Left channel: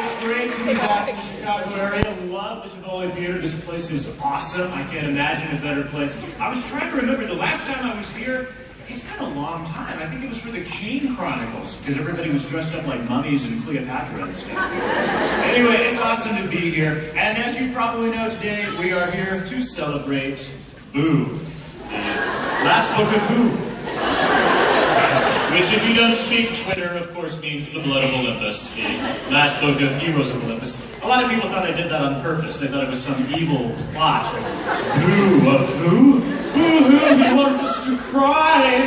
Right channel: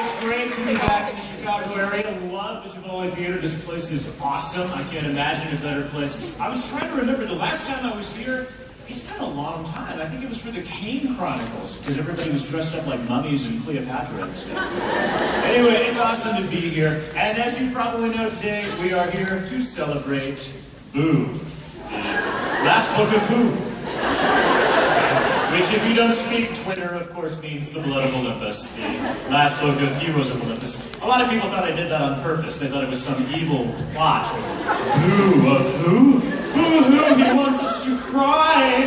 It's great to be back in the Chicago area. Love the Tivoli Theater. This place is awesome. I can't imagine a better place. I was trying to remember the last time I was here. It's been a long time. I think it was for the Kane Chronicles, because everybody was dressed up like mummies and Cleopatra and stuff. Anyway, it's awesome to be here. And as you probably know today, we are here to celebrate Boo, the last book of Boo. Which, if you don't speak Twitter, of course means the blood of Olympus, the last book of Heroes of Olympus. A lot of people thought I did that on purpose. They thought it was some evil plot. Boo of who? Boo-hoo, he wants us to cry!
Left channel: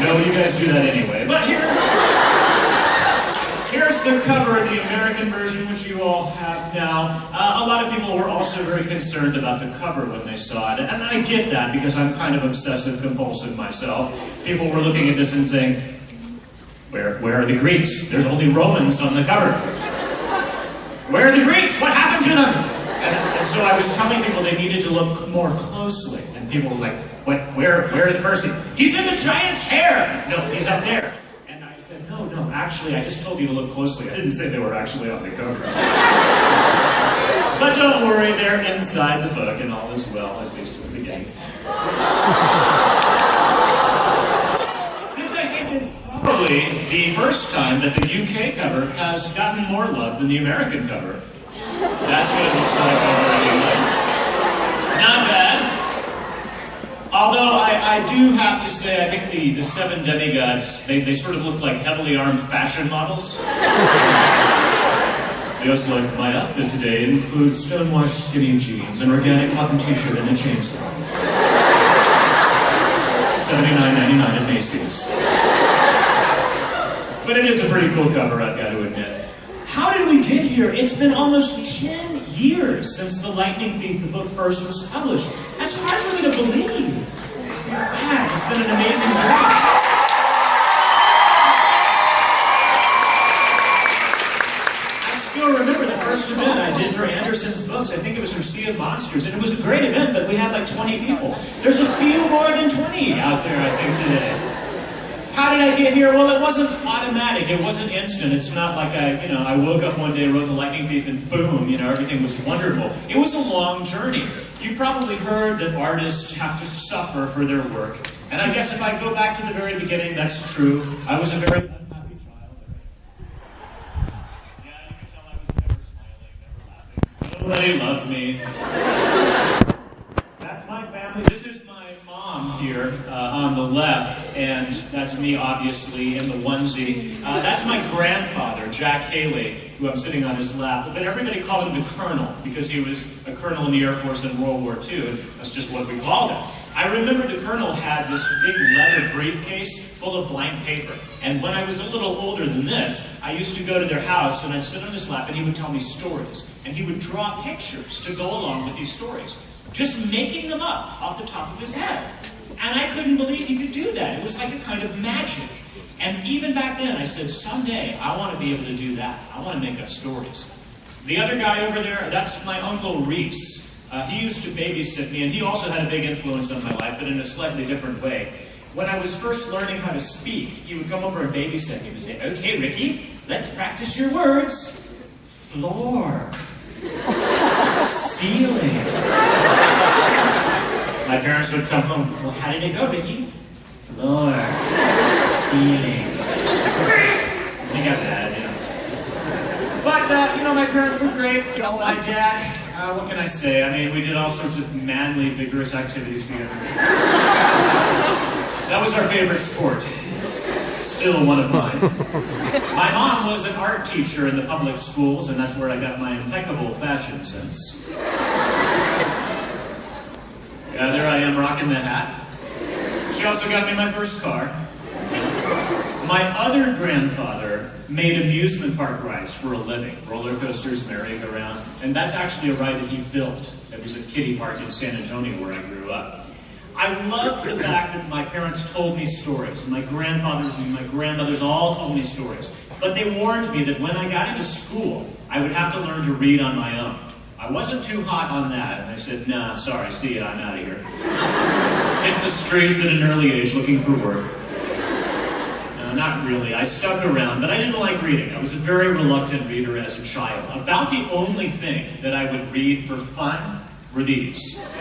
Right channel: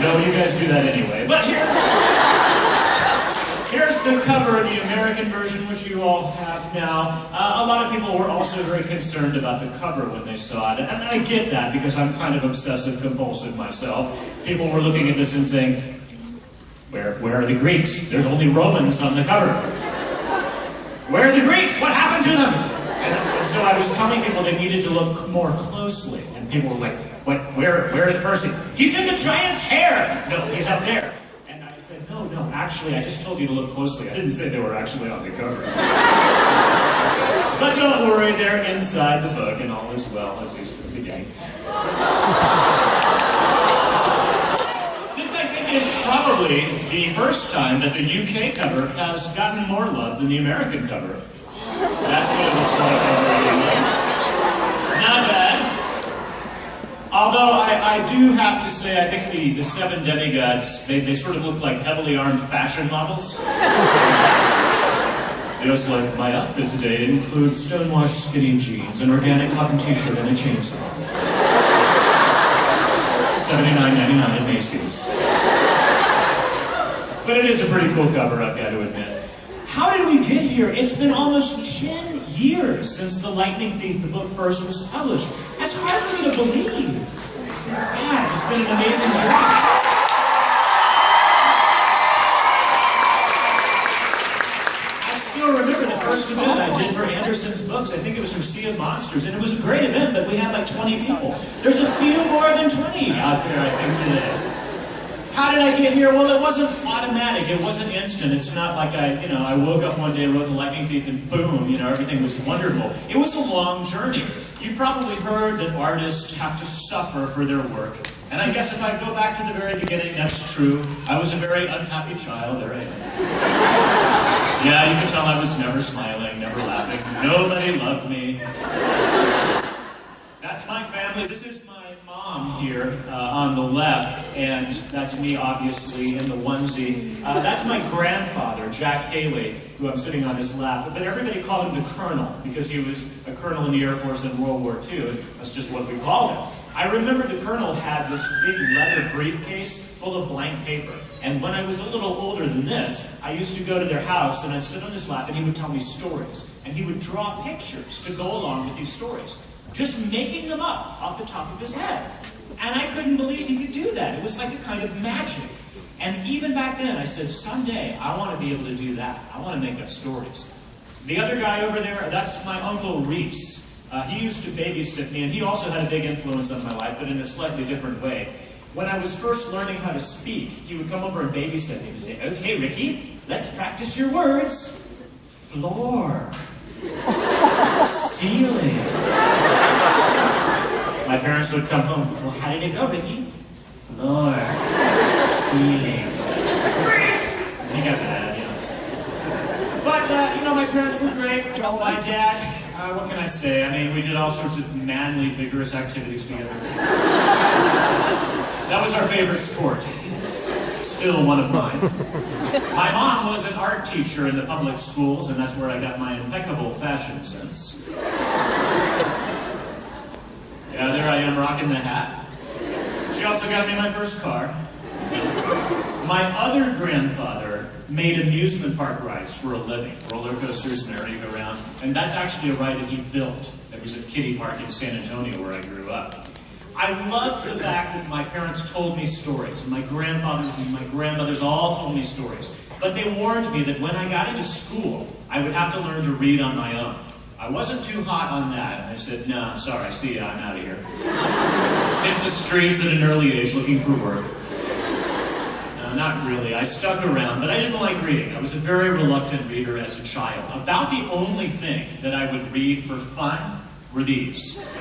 No, you guys do that anyway. But here's the cover, the American version, which you all have now. A lot of people were also very concerned about the cover when they saw it. And I get that, because I'm kind of obsessive-compulsive myself. People were looking at this and saying, where are the Greeks? There's only Romans on the cover. Where are the Greeks? What happened to them? And so I was telling people they needed to look more closely. And people were like, where is Percy? He's in the giant's hair! No, he's up there. And I said, no, actually, I just told you to look closely. I didn't say they were actually on the cover. But don't worry, they're inside the book, and all is well, at least at the beginning. Is probably the first time that the UK cover has gotten more love than the American cover. That's what it looks like already. Not bad. Although I do have to say, I think the seven demigods, they sort of look like heavily armed fashion models. Just like my outfit today includes stonewashed skinny jeans, an organic cotton t-shirt, and a chainsaw. $79.99 at Macy's. But it is a pretty cool cover, I've got to admit. How did we get here? It's been almost 10 years since The Lightning Thief, the book, first was published. That's hard for me to believe. It's not bad. It's been an amazing journey. I still remember the first event I did for Anderson's books. I think it was for Sea of Monsters, and it was a great event, but we had like 20 people. There's a few more than 20 out there, I think, today. How did I get here? Well, it wasn't automatic. It wasn't instant. It's not like I woke up one day, wrote The Lightning Thief, and boom, everything was wonderful. It was a long journey. You probably heard that artists have to suffer for their work. And I guess if I go back to the very beginning, that's true. I was a very unhappy child. There I am. Yeah, you can tell I was never smiling, never laughing. Nobody loved me. That's my family. This is my mom here on the left, and that's me, obviously, in the onesie. That's my grandfather, Jack Haley, who I'm sitting on his lap. But everybody called him the Colonel, because he was a colonel in the Air Force in World War II, and that's just what we called him. I remember the Colonel had this big leather briefcase full of blank paper. And when I was a little older than this, I used to go to their house, and I'd sit on his lap, and he would tell me stories. And he would draw pictures to go along with these stories. Just making them up off the top of his head. And I couldn't believe he could do that. It was like a kind of magic. And even back then, I said, someday, I want to be able to do that. I want to make up stories. The other guy over there, that's my Uncle Reese. He used to babysit me, and he also had a big influence on my life, but in a slightly different way. When I was first learning how to speak, he would come over and babysit me. He would say, okay, Ricky, let's practice your words. Floor. Ceiling. My parents would come home. Well, how did it go, Ricky? Floor. Ceiling. He got that, But, my parents were great. My dad, what can I say? I mean, we did all sorts of manly, vigorous activities together. That was our favorite sport. It's still one of mine. My mom was an art teacher in the public schools, and that's where I got my impeccable fashion sense. Yeah, there I am rocking the hat. She also got me my first car. My other grandfather made amusement park rides for a living. Roller coasters, merry-go-rounds. And that's actually a ride that he built. It was at Kiddie Park in San Antonio where I grew up. I loved the fact that my parents told me stories. My grandfathers and my grandmothers all told me stories. But they warned me that when I got into school, I would have to learn to read on my own. I wasn't too hot on that, and I said, nah, sorry, see ya, I'm out of here. Hit the streets at an early age looking for work. not really. I stuck around, but I didn't like reading. I was a very reluctant reader as a child. About the only thing that I would read for fun were these.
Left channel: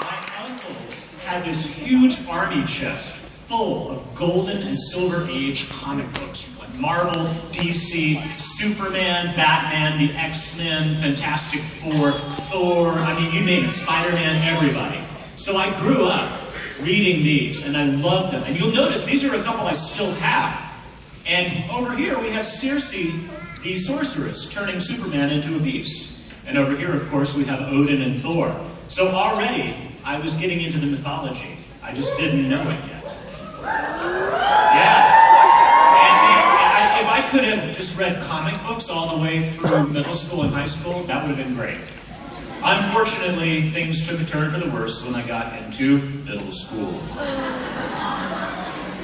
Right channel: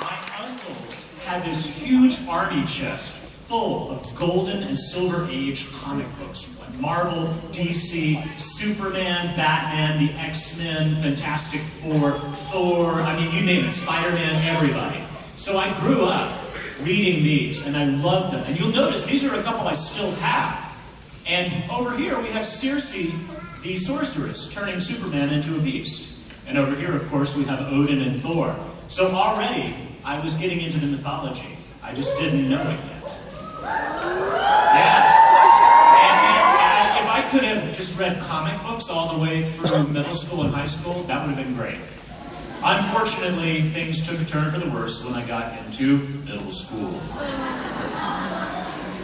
My uncles had this huge army chest full of golden and silver age comic books, like Marvel, DC, Superman, Batman, the X-Men, Fantastic Four, Thor, I mean, you name it, Spider-Man, everybody. So I grew up reading these, and I loved them. And you'll notice these are a couple I still have. And over here we have Circe, the sorceress, turning Superman into a beast. And over here, of course, we have Odin and Thor. So already, I was getting into the mythology. I just didn't know it yet. Yeah. And if I could have just read comic books all the way through middle school and high school, that would have been great. Unfortunately, things took a turn for the worse when I got into middle school.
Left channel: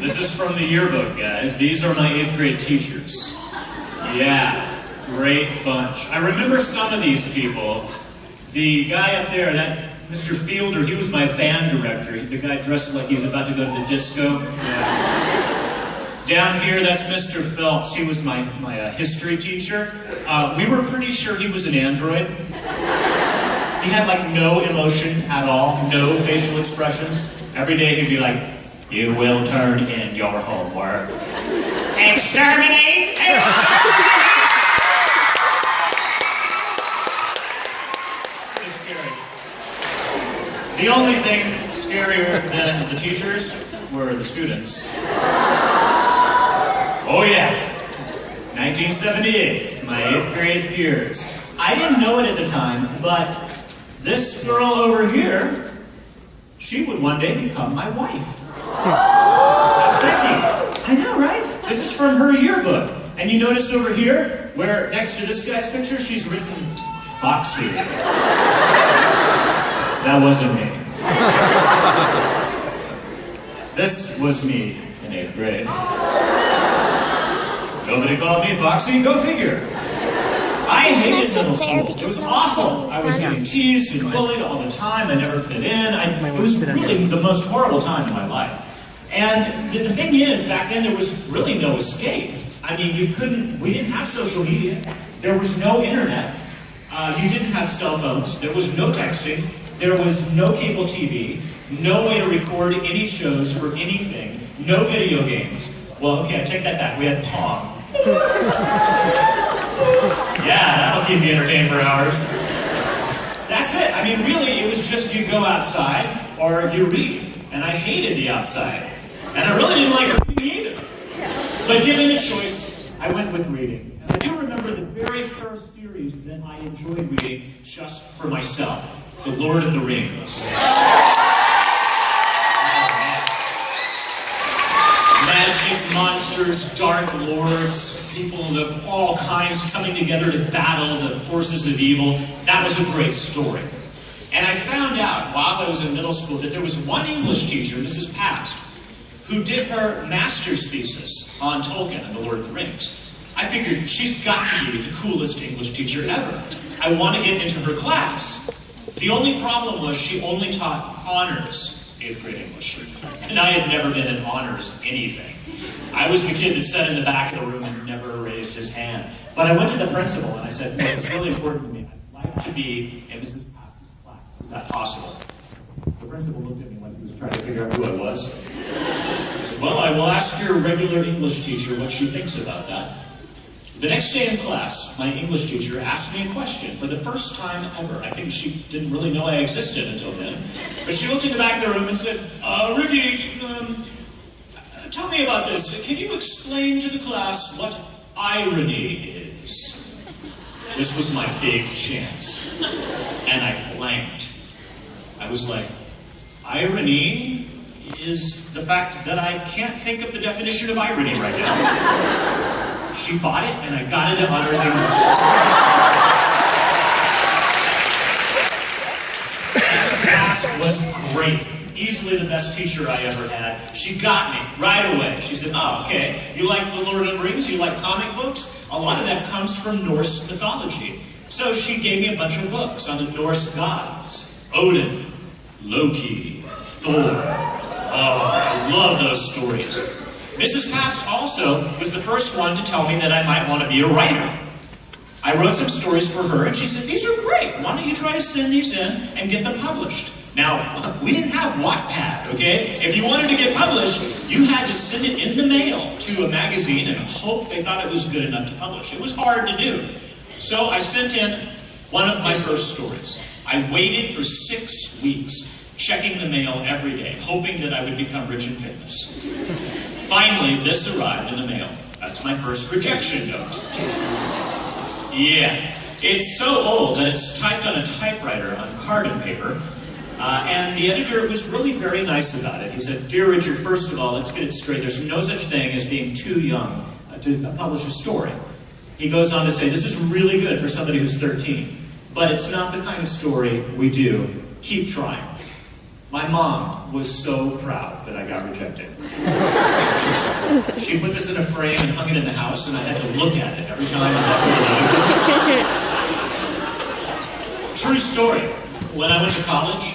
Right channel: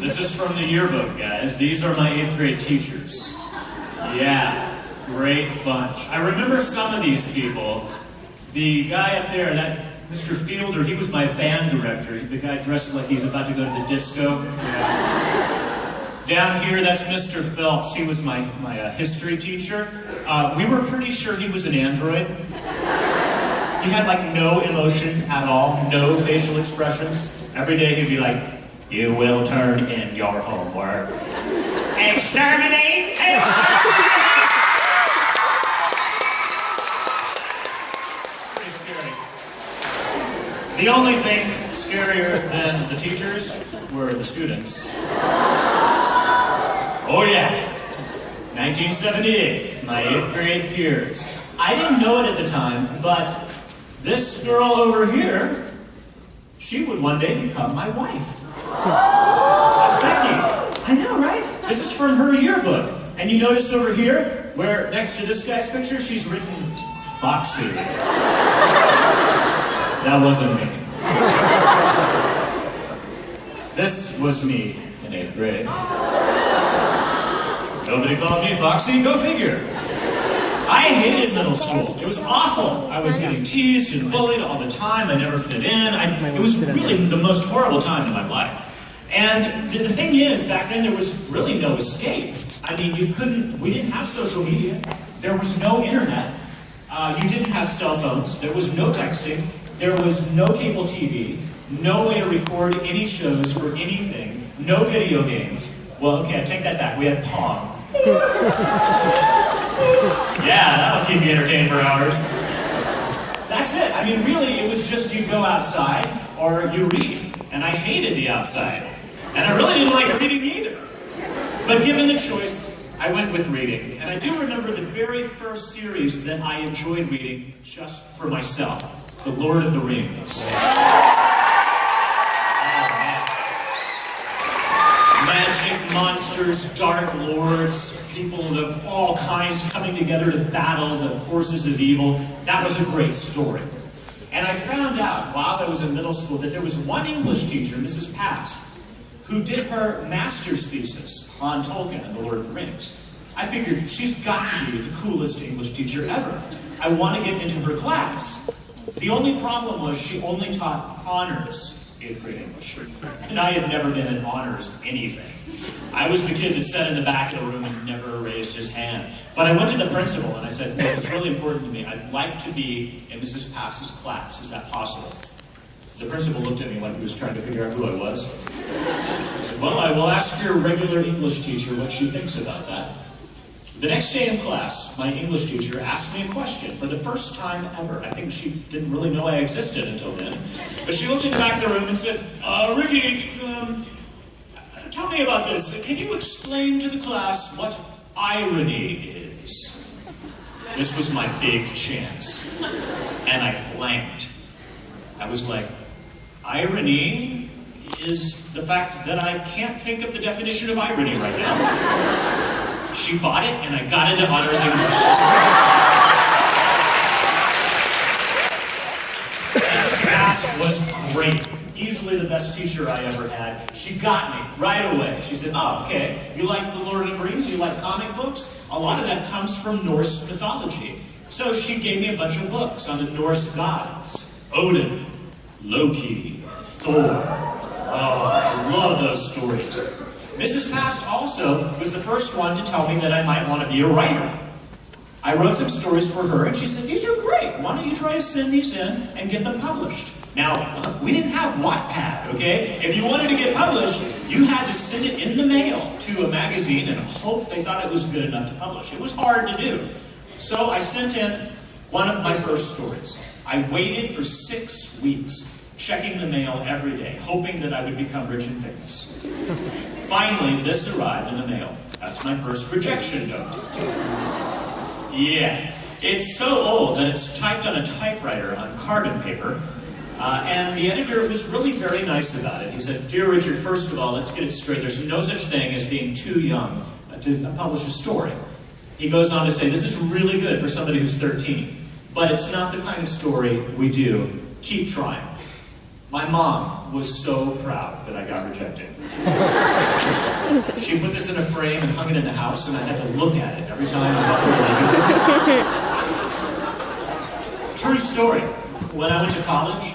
This is from the yearbook, guys. These are my 8th grade teachers. Yeah, great bunch. I remember some of these people. The guy up there, that Mr. Fielder, he was my band director. The guy dressed like he's about to go to the disco. Yeah. Down here, that's Mr. Phelps. He was my history teacher. We were pretty sure he was an android. He had like no emotion at all, no facial expressions. Every day he'd be like, "You will turn in your homework. Exterminate! Exterminate!" Pretty scary. The only thing scarier than the teachers were the students. Oh yeah, 1978, my 8th grade peers. I didn't know it at the time, but this girl over here, she would one day become my wife. That's Becky. I know, right? This is from her yearbook. And you notice over here, where next to this guy's picture, she's written Foxy. That wasn't me. This was me in 8th grade. Nobody called me Foxy, go figure. I hated middle school. It was awful. I was getting teased and bullied all the time. I never fit in. It was really the most horrible time in my life. And the thing is, back then there was really no escape. I mean, we didn't have social media. There was no internet. You didn't have cell phones. There was no texting. There was no cable TV. No way to record any shows for anything. No video games. Well, okay, I take that back. We had Pong. Yeah, that'll keep you entertained for hours. That's it. I mean, really, it was just you go outside or you read. And I hated the outside. And I really didn't like reading either. But given a choice, I went with reading. And I do remember the very first series that I enjoyed reading just for myself. The Lord of the Rings. Magic, monsters, dark lords, people of all kinds coming together to battle the forces of evil. That was a great story. And I found out while I was in middle school that there was one English teacher, Mrs. Paps, who did her master's thesis on Tolkien and the Lord of the Rings. I figured she's got to be the coolest English teacher ever. I want to get into her class. The only problem was she only taught honors 8th grade English. And I had never been in honors anything. I was the kid that sat in the back of the room and never raised his hand. But I went to the principal and I said, look, it's really important to me. I'd like to be in Mrs. Pass's class. Is that possible? The principal looked at me like he was trying to figure out who I was. I said, well, I will ask your regular English teacher what she thinks about that. The next day in class, my English teacher asked me a question for the first time ever. I think she didn't really know I existed until then. But she looked in the back of the room and said, Ricky, tell me about this. Can you explain to the class what irony is? This was my big chance. And I blanked. I was like, irony is the fact that I can't think of the definition of irony right now. She bought it, and I got into honors English. Mrs. Cass was great. Easily the best teacher I ever had. She got me right away. She said, oh, okay, you like The Lord of the Rings? You like comic books? A lot of that comes from Norse mythology. So she gave me a bunch of books on the Norse gods. Odin, Loki, Thor. Oh, I love those stories. Mrs. Pabst also was the first one to tell me that I might want to be a writer. I wrote some stories for her, and she said, these are great. Why don't you try to send these in and get them published? Now, we didn't have Wattpad, okay? If you wanted to get published, you had to send it in the mail to a magazine and hope they thought it was good enough to publish. It was hard to do. So I sent in one of my first stories. I waited for 6 weeks, checking the mail every day, hoping that I would become rich and famous. Finally, this arrived in the mail. That's my first rejection note. Yeah, it's so old that it's typed on a typewriter on carbon paper. And the editor was really very nice about it. He said, "Dear Richard, first of all, let's get it straight. There's no such thing as being too young to publish a story." He goes on to say, "This is really good for somebody who's 13, but it's not the kind of story we do. Keep trying." My mom was so proud that I got rejected. She put this in a frame and hung it in the house, and I had to look at it every time I walked in. True story. When I went to college,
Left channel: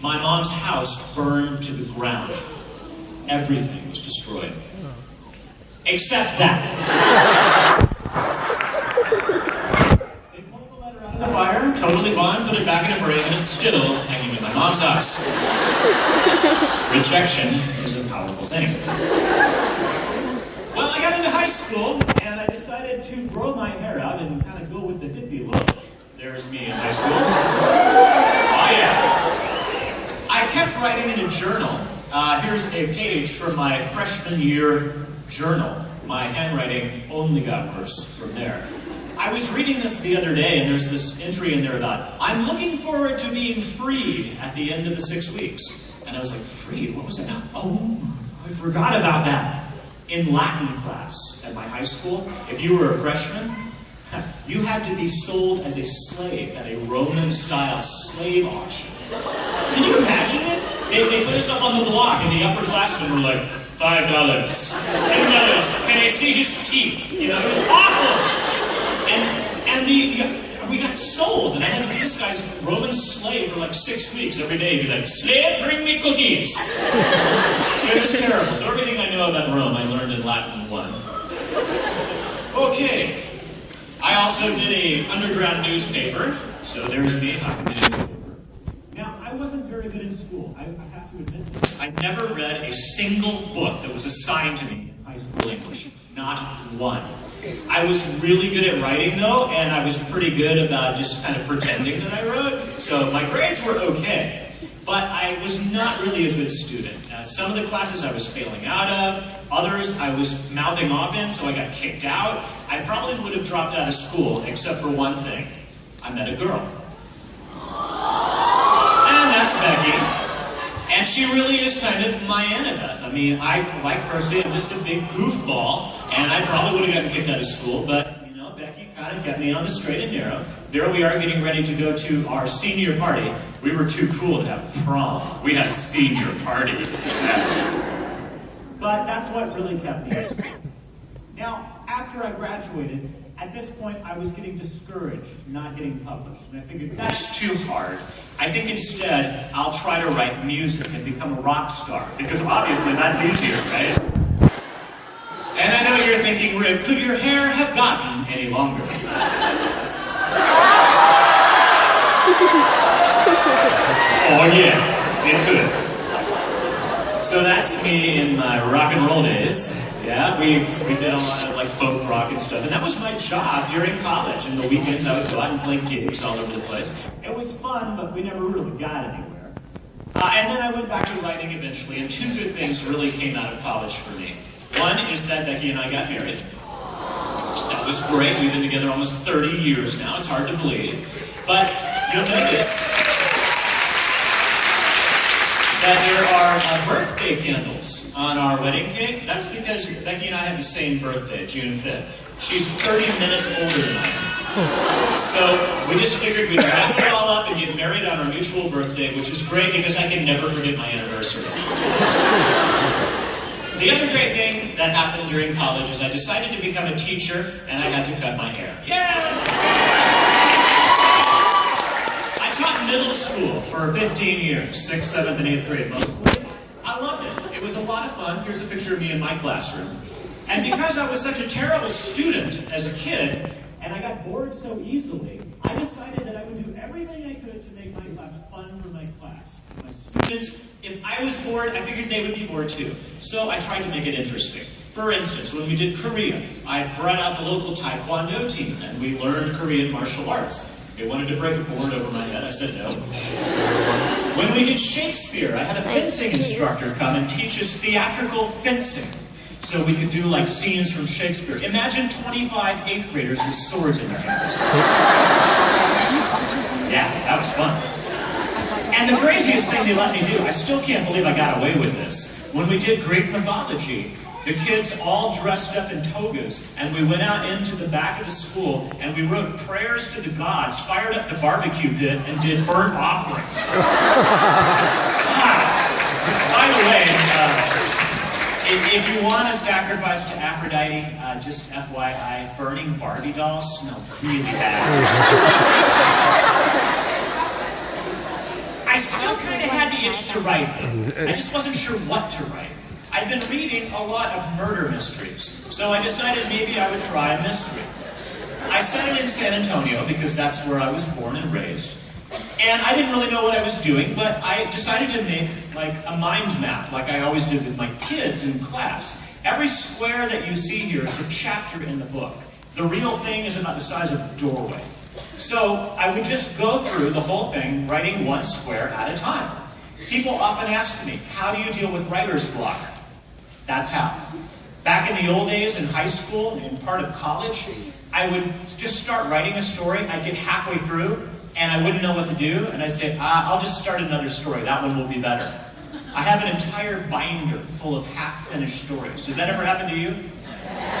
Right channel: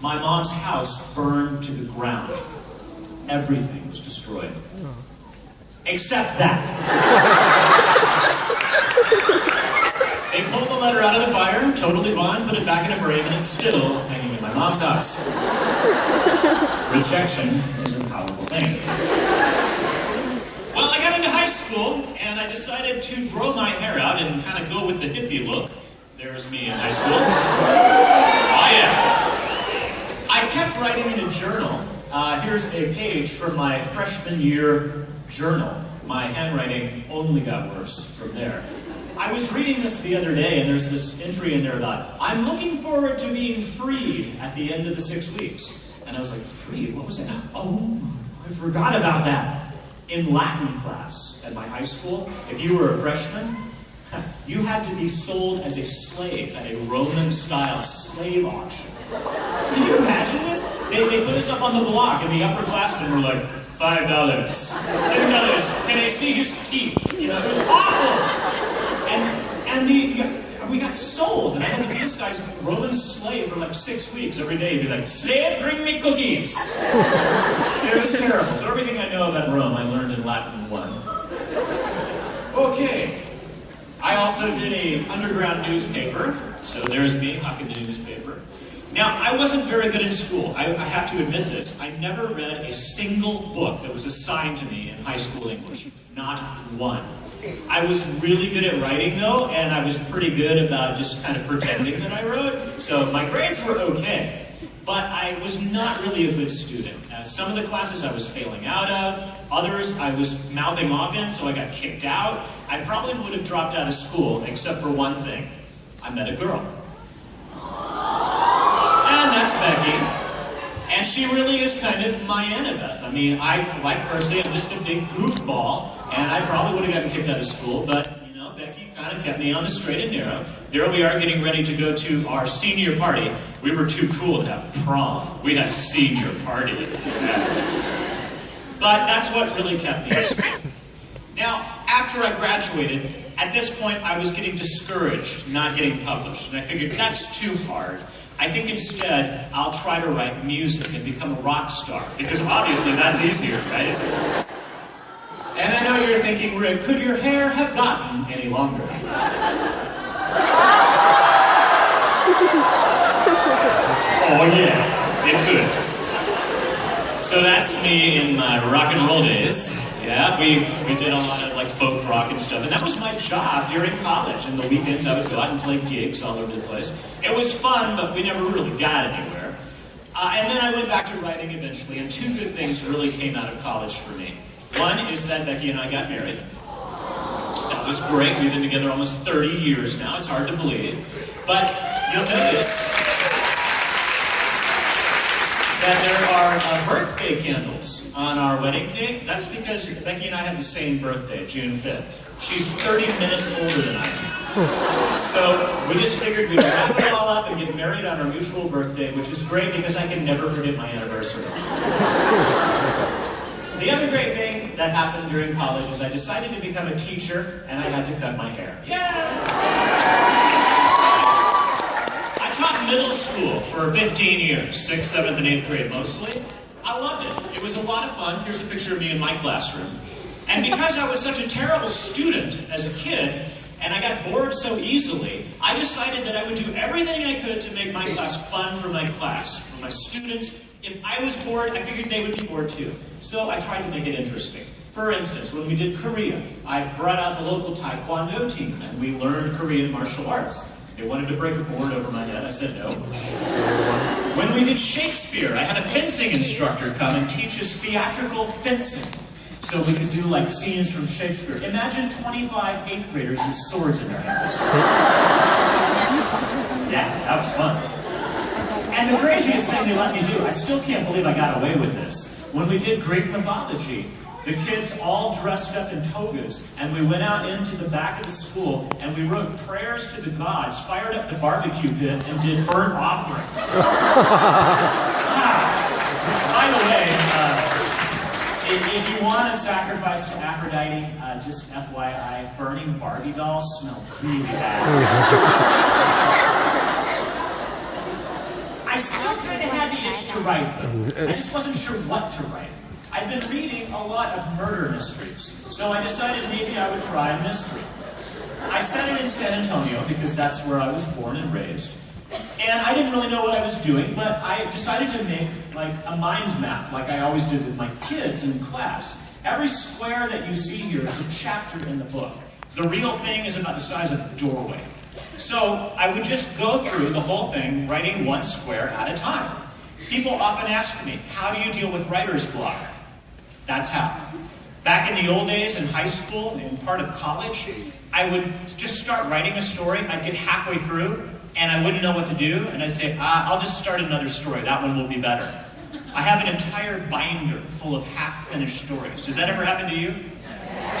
my mom's house burned to the ground. Everything was destroyed. Except that. They pulled the letter out of the fire, totally fine, put it back in a frame, and it's still hanging in my mom's house. Rejection is a powerful thing. Well, I got into high school, and I decided to grow my hair out and kind of go with the hippie look. There's me in high school. Oh yeah. I kept writing in a journal. Here's a page from my freshman year journal. My handwriting only got worse from there. I was reading this the other day, and there's this entry in there about, "I'm looking forward to being freed at the end of the 6 weeks." And I was like, freed? What was that? Oh, I forgot about that. In Latin class at my high school, if you were a freshman, you had to be sold as a slave at a Roman-style slave auction. Can you imagine this? They put us up on the block, and the upperclassmen were like, $5, $10, can I see his teeth? You know, it was awful. And we got sold, and I had to be this guy's Roman slave for like 6 weeks. Every day he'd be like, "Slave, bring me cookies." It was terrible. So everything I know about Rome, I learned in Latin 1. Okay. I also did an underground newspaper, so there's me, hawking the newspaper. Now, I wasn't very good in school. I have to admit this. I never read a single book that was assigned to me in high school English. Not one. I was really good at writing, though, and I was pretty good about just kind of pretending that I wrote, so my grades were okay. But I was not really a good student. Some of the classes I was failing out of, others I was mouthing off in, so I got kicked out. I probably would have dropped out of school, except for one thing. I met a girl. And that's Becky. And she really is kind of my Annabeth. I mean, like Percy, I'm just a big goofball, and I probably would have gotten kicked out of school, but, you know, Becky kind of kept me on the straight and narrow. There we are getting ready to go to our senior party. We were too cool to have prom. We had senior party. But that's what really kept me in school. Now, after I graduated, at this point I was getting discouraged, not getting published, and I figured that's too hard. I think instead I'll try to write music and become a rock star, because obviously that's easier, right? And I know you're thinking, Rick, could your hair have gotten any longer? Oh yeah, it could. So that's me in my rock and roll days. Yeah, we did a lot of like folk rock and stuff, and that was my job during college. And the weekends I would go out and play gigs all over the place. It was fun, but we never really got anywhere. And then I went back to writing eventually, and two good things really came out of college for me. One is that Becky and I got married. That was great. We've been together almost 30 years now. It's hard to believe. But you'll notice that there are birthday candles on our wedding cake. That's because Becky and I have the same birthday, June 5th. She's 30 minutes older than I am. So we just figured we'd wrap it all up and get married on our mutual birthday, which is great because I can never forget my anniversary. The other great thing that happened during college is I decided to become a teacher, and I had to cut my hair. Yeah! I taught middle school for 15 years, 6th, 7th, and 8th grade mostly. I loved it. It was a lot of fun. Here's a picture of me in my classroom. And because I was such a terrible student as a kid, and I got bored so easily, I decided that I would do everything I could to make my class fun for my class, for my students. If I was bored, I figured they would be bored too. So I tried to make it interesting. For instance, when we did Korea, I brought out the local Taekwondo team, and we learned Korean martial arts. They wanted to break a board over my head. I said no. When we did Shakespeare, I had a fencing instructor come and teach us theatrical fencing. So we could do like scenes from Shakespeare. Imagine 25 8th graders with swords in their hands. Yeah, that was fun. And the craziest thing they let me do, I still can't believe I got away with this. When we did Greek mythology, the kids all dressed up in togas, and we went out into the back of the school, and we wrote prayers to the gods, fired up the barbecue pit, and did burnt offerings. By the way, if you want to sacrifice to Aphrodite, just FYI, burning Barbie dolls smell really bad. I still kind of had the itch to write, though. I just wasn't sure what to write. I'd been reading a lot of murder mysteries, so I decided maybe I would try a mystery. I set it in San Antonio because that's where I was born and raised. And I didn't really know what I was doing, but I decided to make like a mind map, like I always did with my kids in class. Every square that you see here is a chapter in the book. The real thing is about the size of a doorway. So I would just go through the whole thing, writing one square at a time. People often ask me, how do you deal with writer's block? That's how. Back in the old days in high school and part of college, I would just start writing a story. I'd get halfway through, and I wouldn't know what to do, and I'd say, I'll just start another story. That one will be better. I have an entire binder full of half-finished stories. Does that ever happen to you?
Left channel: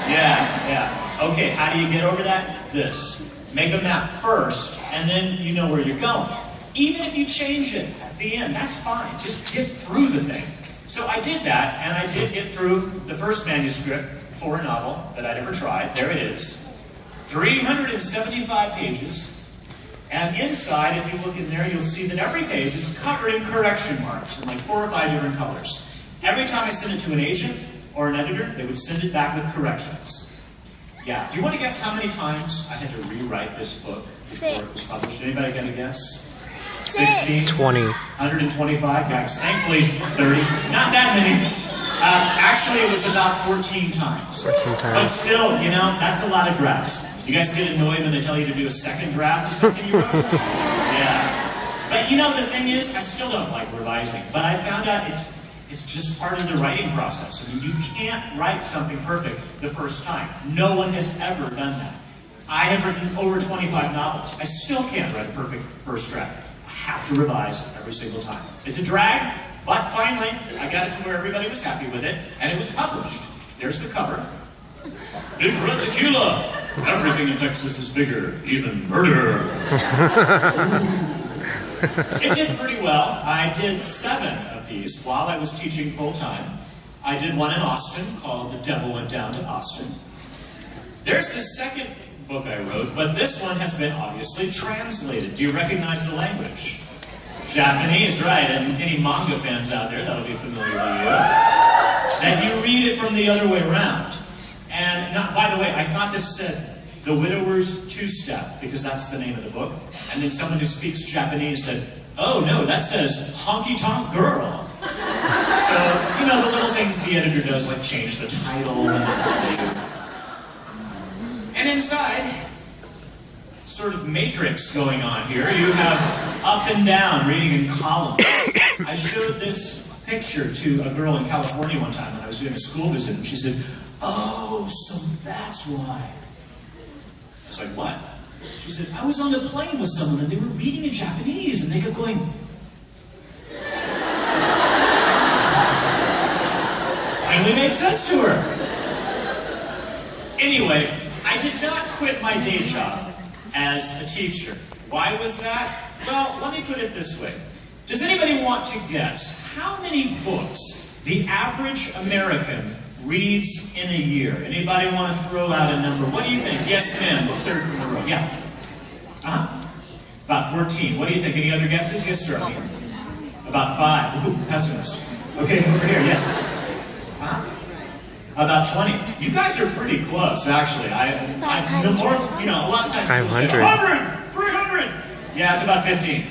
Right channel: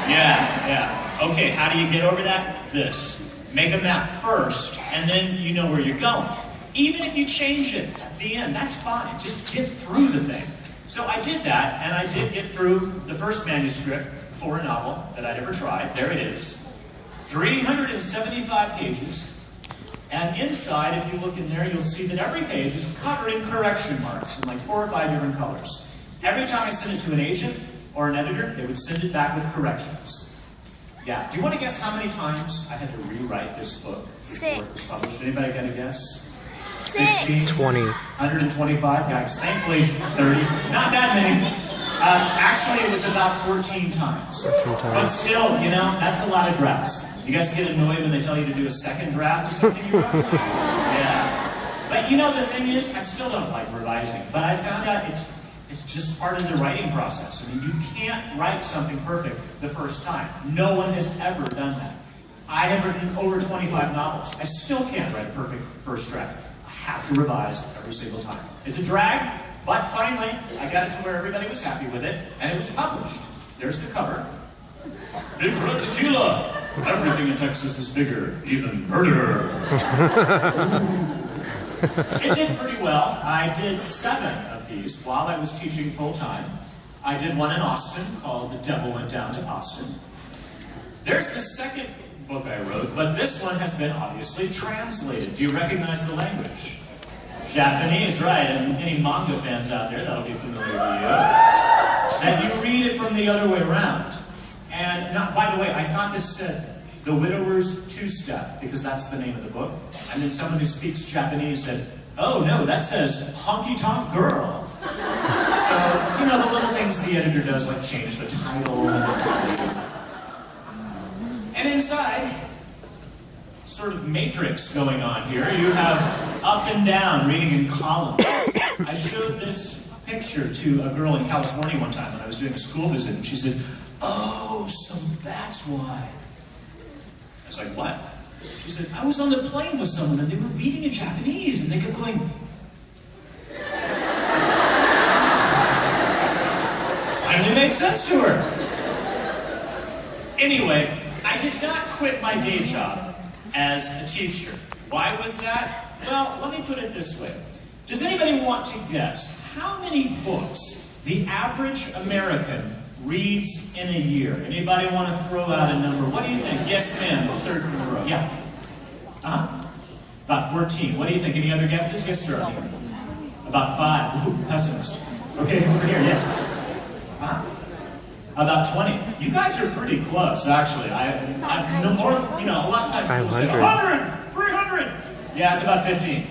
Yeah. Okay, how do you get over that? This. Make a map first, and then you know where you're going. Even if you change it at the end, that's fine. Just get through the thing. So I did that, and I did get through the first manuscript for a novel that I'd ever tried. There it is. 375 pages. And inside, if you look in there, you'll see that every page is covered in correction marks in like 4 or 5 different colors. Every time I sent it to an agent or an editor, they would send it back with corrections. Yeah. Do you want to guess how many times I had to rewrite this book before it was published? Anybody got a guess? 60? 20. 125? Yeah, thankfully 30. Not that many. Actually, it was about 14 times. 14 times. But still, you know, that's a lot of drafts. You guys get annoyed when they tell you to do a second draft of something you wrote? Yeah. But you know, the thing is, I still don't like revising. But I found out it's just part of the writing process. I mean, you can't write something perfect the first time. No one has ever done that. I have written over 25 novels. I still can't write a perfect first draft. I have to revise every single time. It's a drag, but finally, I got it to where everybody was happy with it, and it was published. There's the cover. Big Red Tequila! Everything in Texas is bigger, even murder. It did pretty well. I did 7 of these while I was teaching full-time. I did one in Austin called The Devil Went Down to Austin. There's the second book I wrote, but this one has been obviously translated. Do you recognize the language? Japanese, right, and any manga fans out there, that'll be familiar to you. And you read it from the other way around. And by the way, I thought this said The Widower's Two-Step, because that's the name of the book. And then someone who speaks Japanese said, oh no, that says Honky Tonk Girl. So, you know, the little things the editor does, like change the title and the title. And inside, sort of matrix going on here. You have up and down reading in columns. I showed this picture to a girl in California one time when I was doing a school visit, and she said, oh, so that's why. I was like, what? She said, I was on the plane with someone and they were reading in Japanese and they kept going. Finally made sense to her. Anyway, I did not quit my day job as a teacher. Why was that? Well, let me put it this way. Does anybody want to guess how many books the average American reads in a year? Anybody want to throw out a number? What do you think? Yes, ma'am. Third from the row. Yeah. About 14. What do you think? Any other guesses? Yes, sir. About 5. Ooh, pessimist. Okay, over here, yes. About 20. You guys are pretty close, actually. I no more, you know, a lot of times people say 100, 300. Yeah, it's about 15.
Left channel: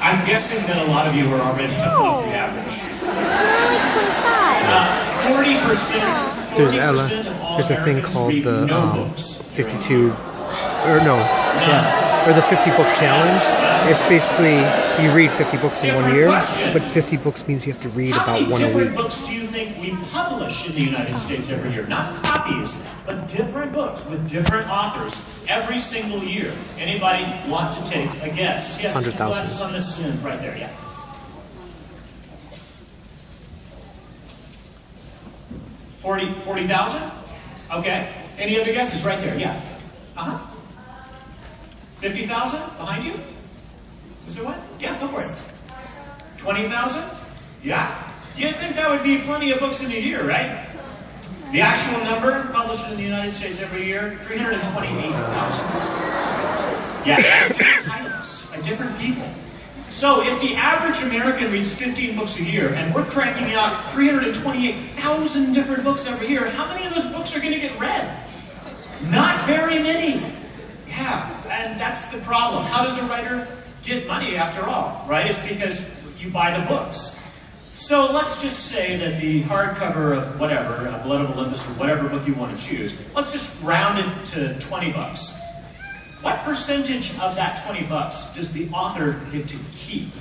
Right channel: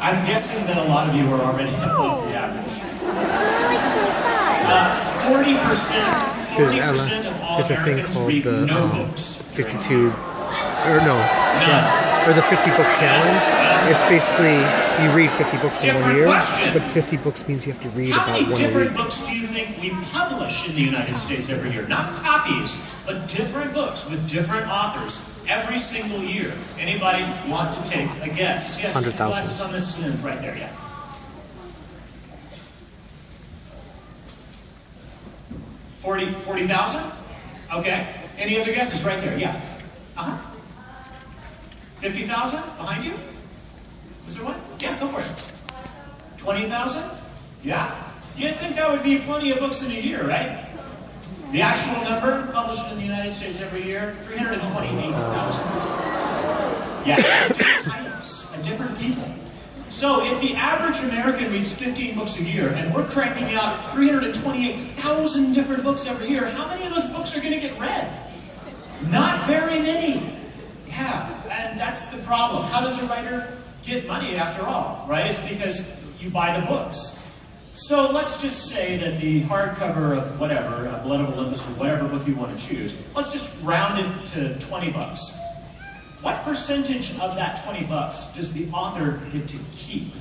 I'm guessing that a lot of you are already above the average. 40% of all there's a thing Americans called read the no books. 52, or no, yeah, or the 50 book challenge. It's basically you read 50 books in 1 year, but 50 books means you have to read about 1 a week. How many different books do you think we publish in the United States every year? Not copies, but different books with different authors every single year. Anybody want to take a guess? Yes, 100,000. glasses on this end right there, yeah. 40,000? Okay. Any other guesses right there? Yeah. 50,000 behind you? Was there one? Yeah, go for it. 20,000? Yeah. You'd think that would be plenty of books in a year, right? The actual number published in the United States every year, 328,000. Yeah, different titles by different people. So if the average American reads 15 books a year, and we're cranking out 328,000 different books every year, how many of those books are going to get read? Not very many. Yeah, and that's the problem. How does a writer get money after all, right? It's because you buy the books. So let's just say that the hardcover of whatever, Blood of Olympus or whatever book you want to choose, let's just round it to 20 bucks. What percentage of that 20 bucks does the author get to keep?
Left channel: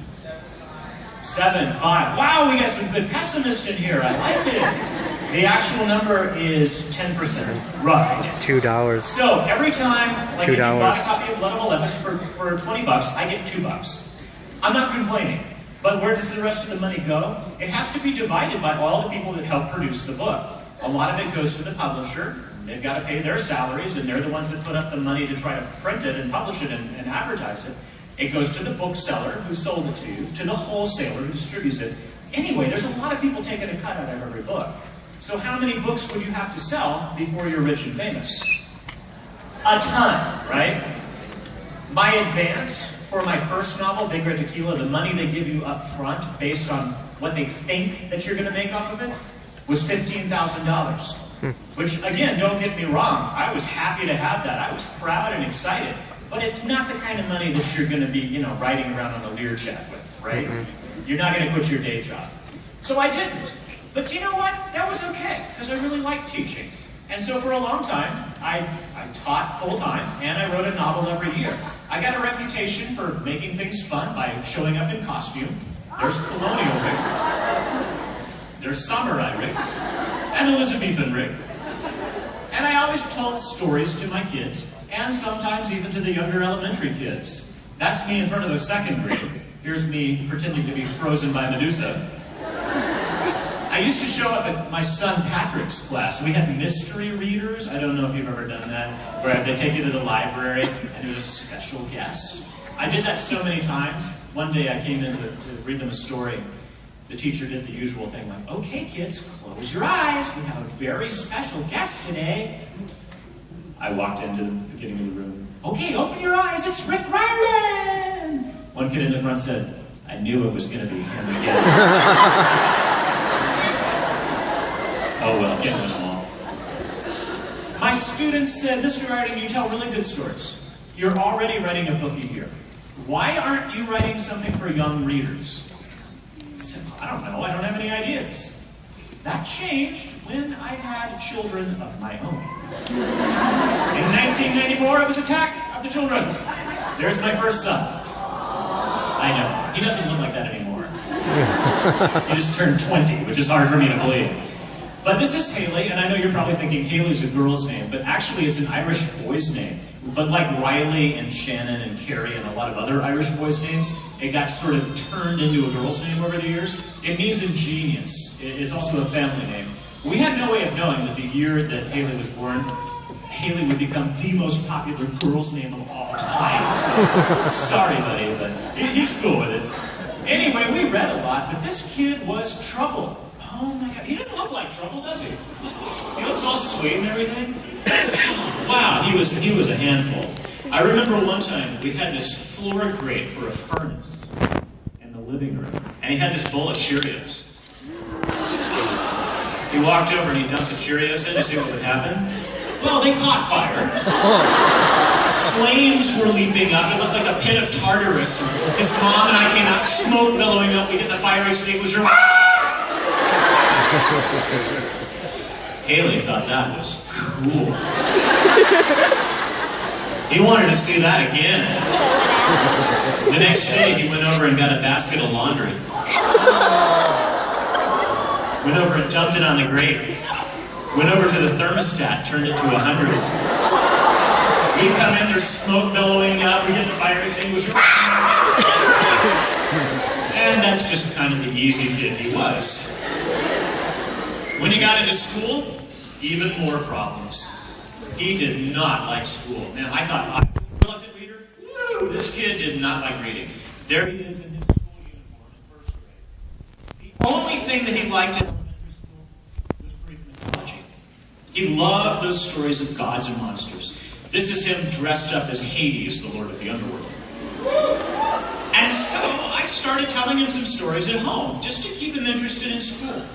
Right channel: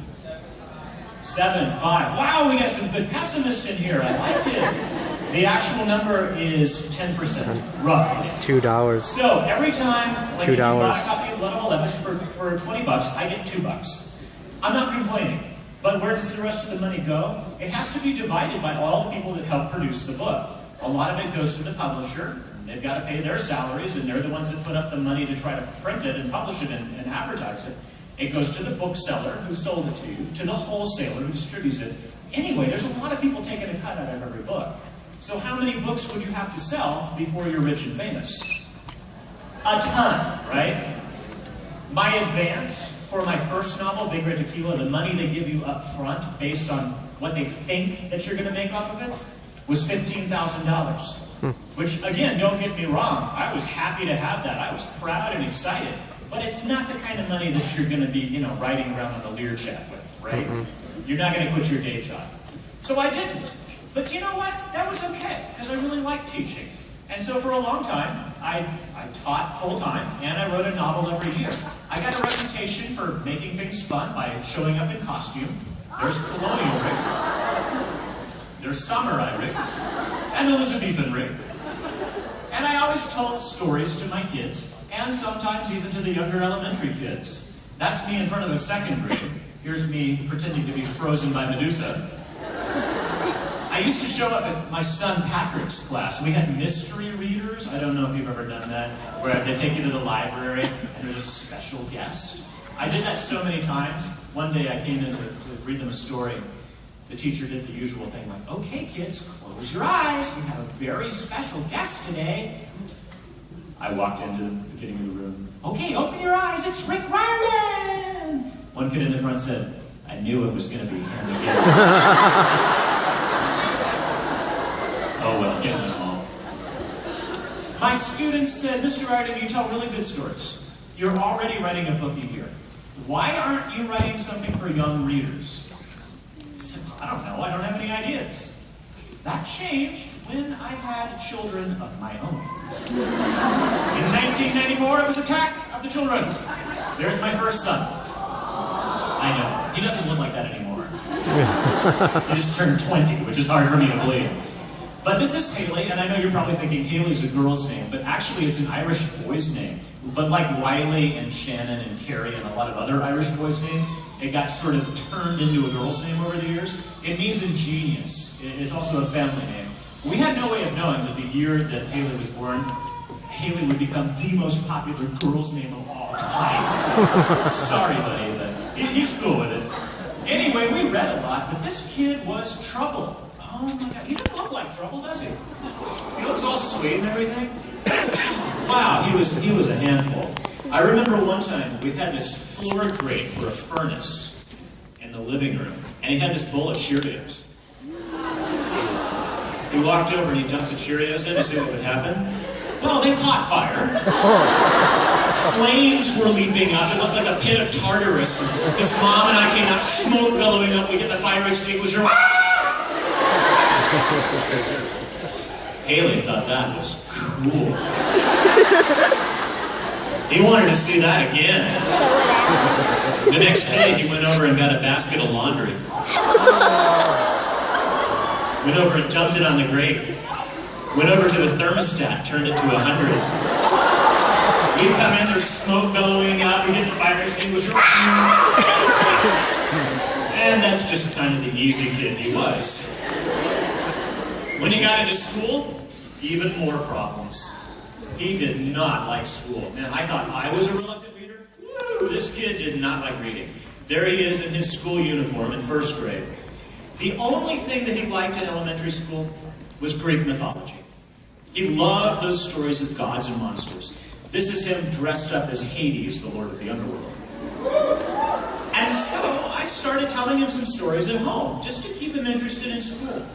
7, 5. Wow, we got some good pessimists in here. I like it. The actual number is 10%, roughly. $2. So every time when you buy a copy of Blood of Olympus for 20 bucks, I get 2 bucks. I'm not complaining. But where does the rest of the money go? It has to be divided by all the people that help produce the book. A lot of it goes to the publisher. They've got to pay their salaries, and they're the ones that put up the money to try to print it and publish it and advertise it. It goes to the bookseller who sold it to you, to the wholesaler who distributes it. Anyway, there's a lot of people taking a cut out of every book. So how many books would you have to sell before you're rich and famous? A ton, right? My advance for my first novel, Big Red Tequila, the money they give you up front based on what they think that you're going to make off of it, was $15,000. Which, again, don't get me wrong, I was happy to have that. I was proud and excited. But it's not the kind of money that you're going to be, you know, riding around on the Learjet with, right? You're not going to quit your day job. So I didn't. But you know what? That was okay, because I really liked teaching. And so for a long time, I taught full-time, and I wrote a novel every year. I got a reputation for making things fun by showing up in costume. There's Colonial Rick. There's Samurai Rick. And Elizabethan Rick. And I always told stories to my kids, and sometimes even to the younger elementary kids. That's me in front of the second grade. Here's me pretending to be frozen by Medusa. I used to show up at my son Patrick's class. We had mystery readers. I don't know if you've ever done that, where they take you to the library and there's a special guest. I did that so many times. One day I came in to read them a story. The teacher did the usual thing, like, okay, kids, close your eyes. We have a very special guest today. I walked into the beginning of the room. Okay, open your eyes. It's Rick Riordan. One kid in the front said, I knew it was going to be him again. Oh, well, can't win them all. My students said, Mr. Riordan, you tell really good stories. You're already writing a book a year. Why aren't you writing something for young readers? I said, I don't know, I don't have any ideas. That changed when I had children of my own. In 1994, it was Attack of the Children. There's my first son. I know, he doesn't look like that anymore. He just turned 20, which is hard for me to believe. But this is Haley, and I know you're probably thinking Haley's a girl's name, but actually it's an Irish boy's name. But like Riley and Shannon and Carrie and a lot of other Irish boys' names, it got sort of turned into a girl's name over the years. It means ingenious. It's also a family name. We had no way of knowing that the year that Haley was born, Haley would become the most popular girl's name of all time. So, sorry, buddy, but he's cool with it. Anyway, we read a lot, but this kid was trouble. Oh my God, he doesn't look like trouble, does he? He looks all sweet and everything. Wow, he was a handful. I remember one time we had this floor grate for a furnace in the living room, and he had this bowl of Cheerios. He walked over and he dumped the Cheerios in to see what would happen. Well, they caught fire. Flames were leaping up. It looked like a pit of Tartarus. His mom and I came out, smoke billowing up. We get the fire extinguisher. Haley thought that was cool. He wanted to see that again. The next day, he went over and got a basket of laundry. Went over and dumped it on the grate. Went over to the thermostat, turned it to 100. We come in, there's smoke billowing up, we get the fire extinguisher. And that's just kind of the easy kid he was. When he got into school, even more problems. He did not like school. Man, I thought I was a reluctant reader. Woo! This kid did not like reading. There he is in his school uniform in first grade. The only thing that he liked in elementary school was Greek mythology. He loved those stories of gods and monsters. This is him dressed up as Hades, the lord of the underworld. And so I started telling him some stories at home, just to keep him interested in school.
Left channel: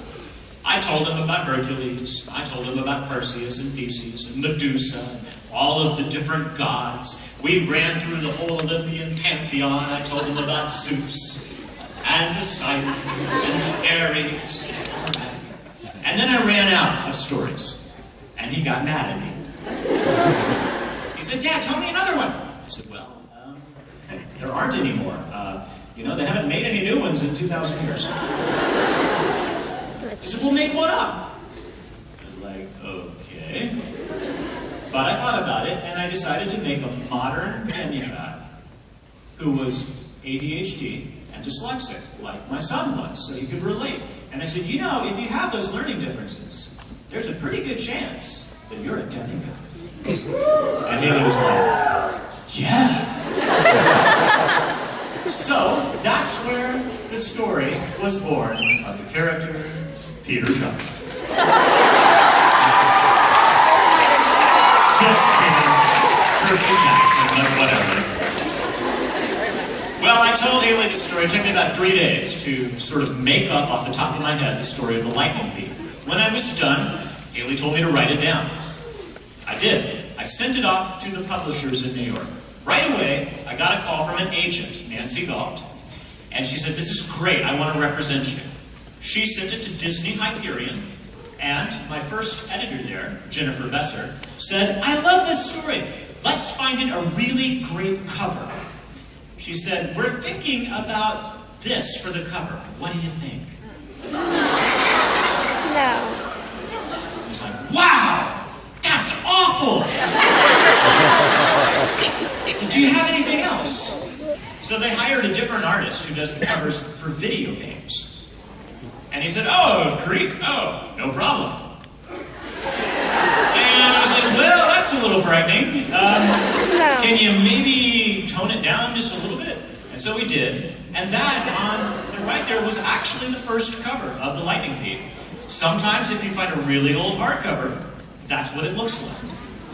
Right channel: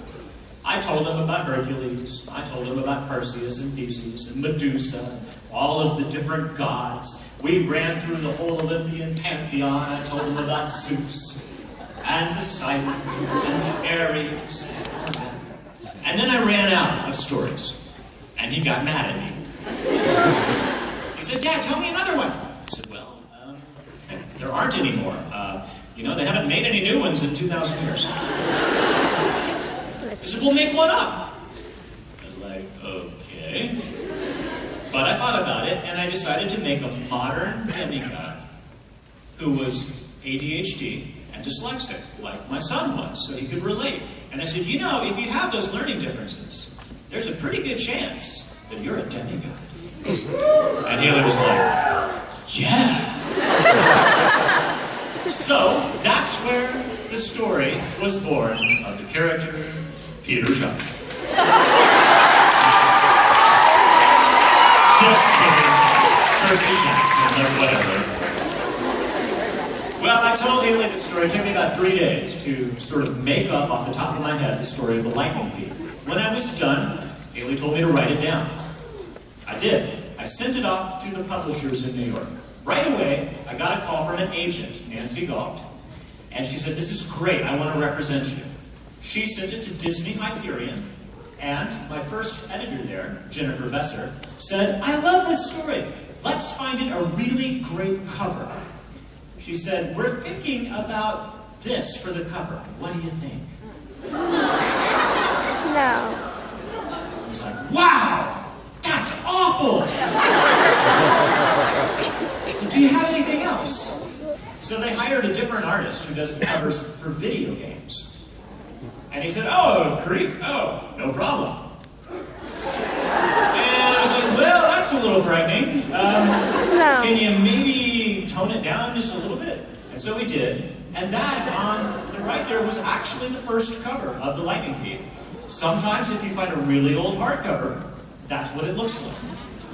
I told him about Hercules, I told him about Perseus and Theseus and Medusa, and all of the different gods. We ran through the whole Olympian pantheon. I told him about Zeus and Poseidon and Ares. And then I ran out of stories, and he got mad at me. He said, "Dad, tell me another one." I said, "Well, there aren't any more. You know, they haven't made any new ones in 2,000 years. He said, "Well, make one up." I was like, okay. But I thought about it, and I decided to make a modern demigod who was ADHD and dyslexic, like my son was, so he could relate. And I said, you know, if you have those learning differences, there's a pretty good chance that you're a demigod. And Haley was like, yeah. So that's where the story was born of the character Peter Johnson. Just kidding. Percy Jackson, but whatever. Well, I told Haley this story. It took me about 3 days to sort of make up off the top of my head the story of the lightning thief. When I was done, Haley told me to write it down. I did. I sent it off to the publishers in New York. Right away, I got a call from an agent, Nancy Galt, and she said, "This is great, I want to represent you." She sent it to Disney Hyperion, and my first editor there, Jennifer Besser, said, "I love this story. Let's find it a really great cover." She said, "We're thinking about this for the cover. What do you think?" No. He's like, "Wow! That's awful!" So, do you have anything else? So they hired a different artist who does the covers for video games. And he said, "Oh, Greek? Oh, no problem." And I was like, "Well, that's a little frightening. No. Can you maybe tone it down just a little bit?" And so we did. And that on the right there was actually the first cover of The Lightning Thief. Sometimes if you find a really old hardcover, that's what it looks like.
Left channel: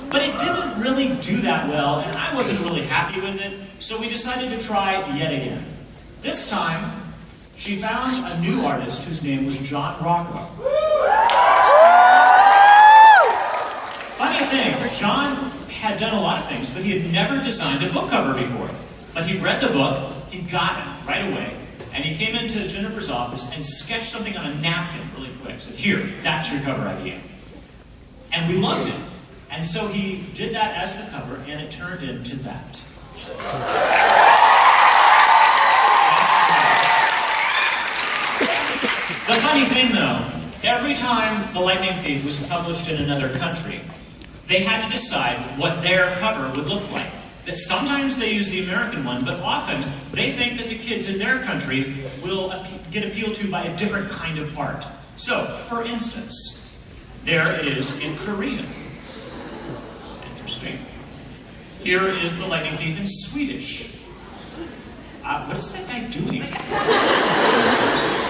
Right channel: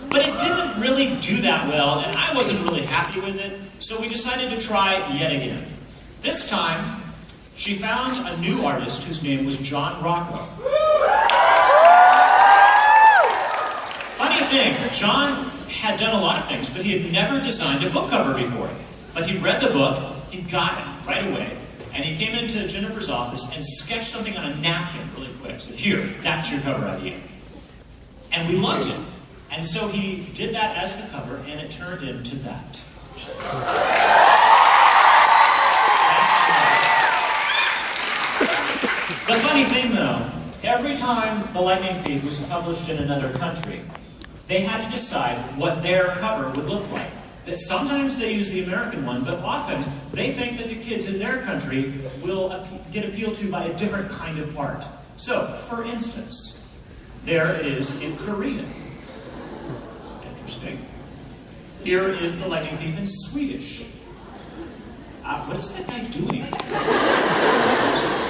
But it didn't really do that well, and I wasn't really happy with it, so we decided to try yet again. This time, she found a new artist whose name was John Rocco. Funny thing, John had done a lot of things, but he had never designed a book cover before. But he read the book, he got it right away, and he came into Jennifer's office and sketched something on a napkin really quick. Said, "Here, that's your cover idea." And we loved it. And so he did that as the cover, and it turned into that. The funny thing, though, every time The Lightning Thief was published in another country, they had to decide what their cover would look like. That sometimes they use the American one, but often they think that the kids in their country will get appealed to by a different kind of art. So, for instance, there it is in Korean. Interesting. Here is The Lightning Thief in Swedish. What is that guy doing?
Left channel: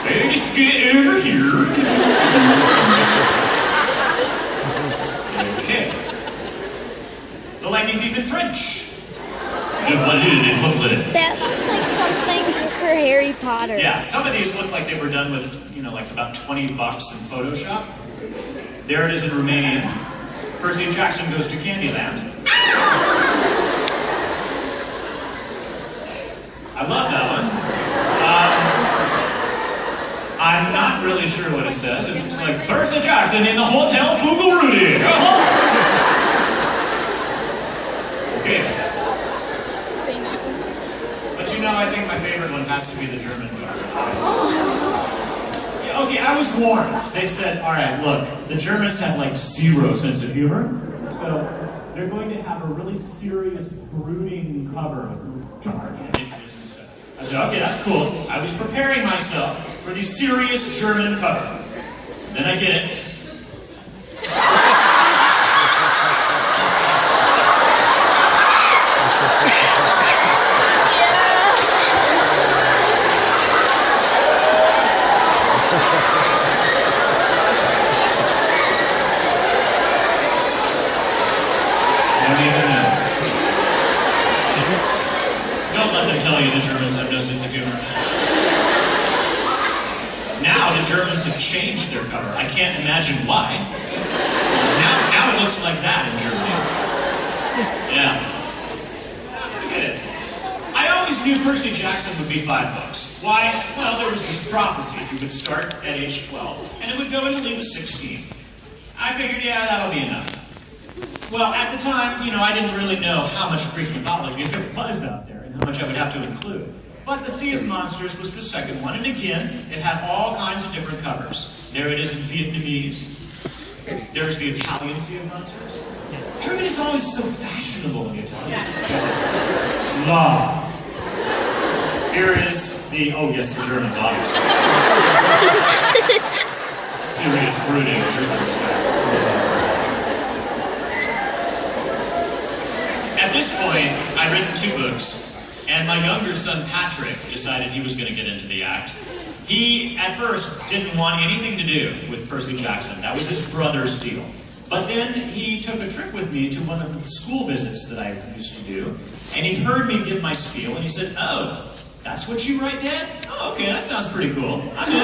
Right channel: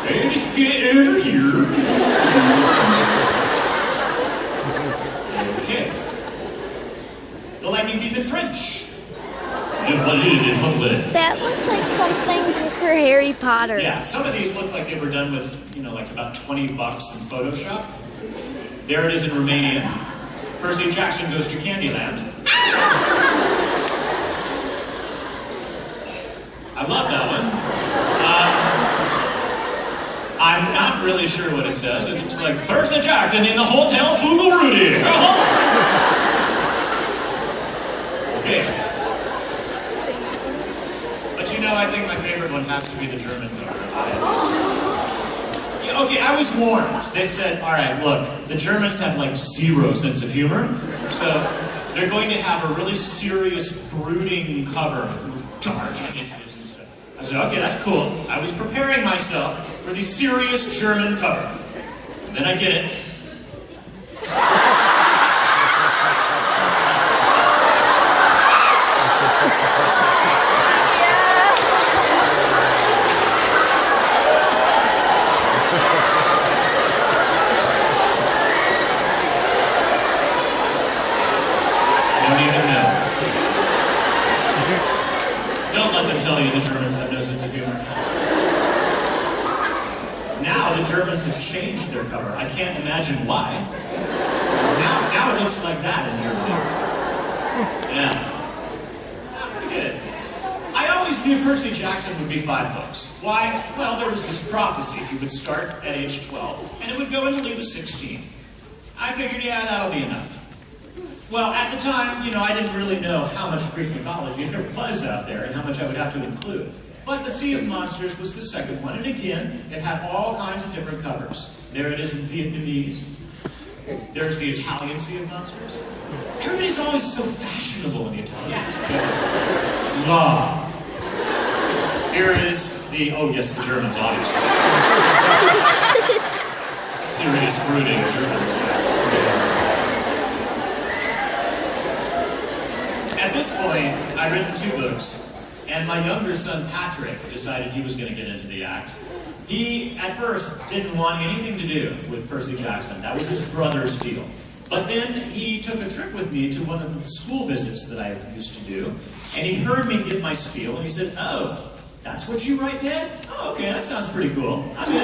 Hey, just get over here. Okay. The Lightning Thief in French. That looks like something for Harry Potter. Yeah, some of these look like they were done with, like about $20 in Photoshop. There it is in Romanian. Percy Jackson goes to Candyland. I love that one. I'm not really sure what it says. It looks like Percy Jackson in the Hotel Fugarudi. Okay. But I think my favorite one has to be the German cover. Yeah, okay, I was warned. They said, all right, look, the Germans have like zero sense of humor, so they're going to have a really serious, brooding cover with dark images and stuff. I said, okay, that's cool. I was preparing myself for the serious German cover. Then I get it. Don't let them tell you the Germans have no sense of humor. Now the Germans have changed their cover. I can't imagine why. Now it looks like that in Germany. Yeah. Pretty good. I always knew Percy Jackson would be 5 books. Why? Well, there was this prophecy. He would start at age 12, and it would go until he was 16. I figured, yeah, that'll be enough. Well, at the time, I didn't really know how much Greek mythology there was out there and how much I would have to include. But The Sea of Monsters was the second one, and again, it had all kinds of different covers. There it is in Vietnamese. There's the Italian Sea of Monsters. Everybody's always so fashionable in the Italians. La. Here it is the, oh yes, the Germans, obviously. Serious, brooding Germans. At this point, I'd written 2 books, and my younger son, Patrick, decided he was going to get into the act. He, at first, didn't want anything to do with Percy Jackson. That was his brother's deal. But then he took a trip with me to one of the school visits that I used to do, and he heard me give my spiel, and he said, oh, that's what you write, Dad? Oh, okay, that sounds pretty cool. I'm in.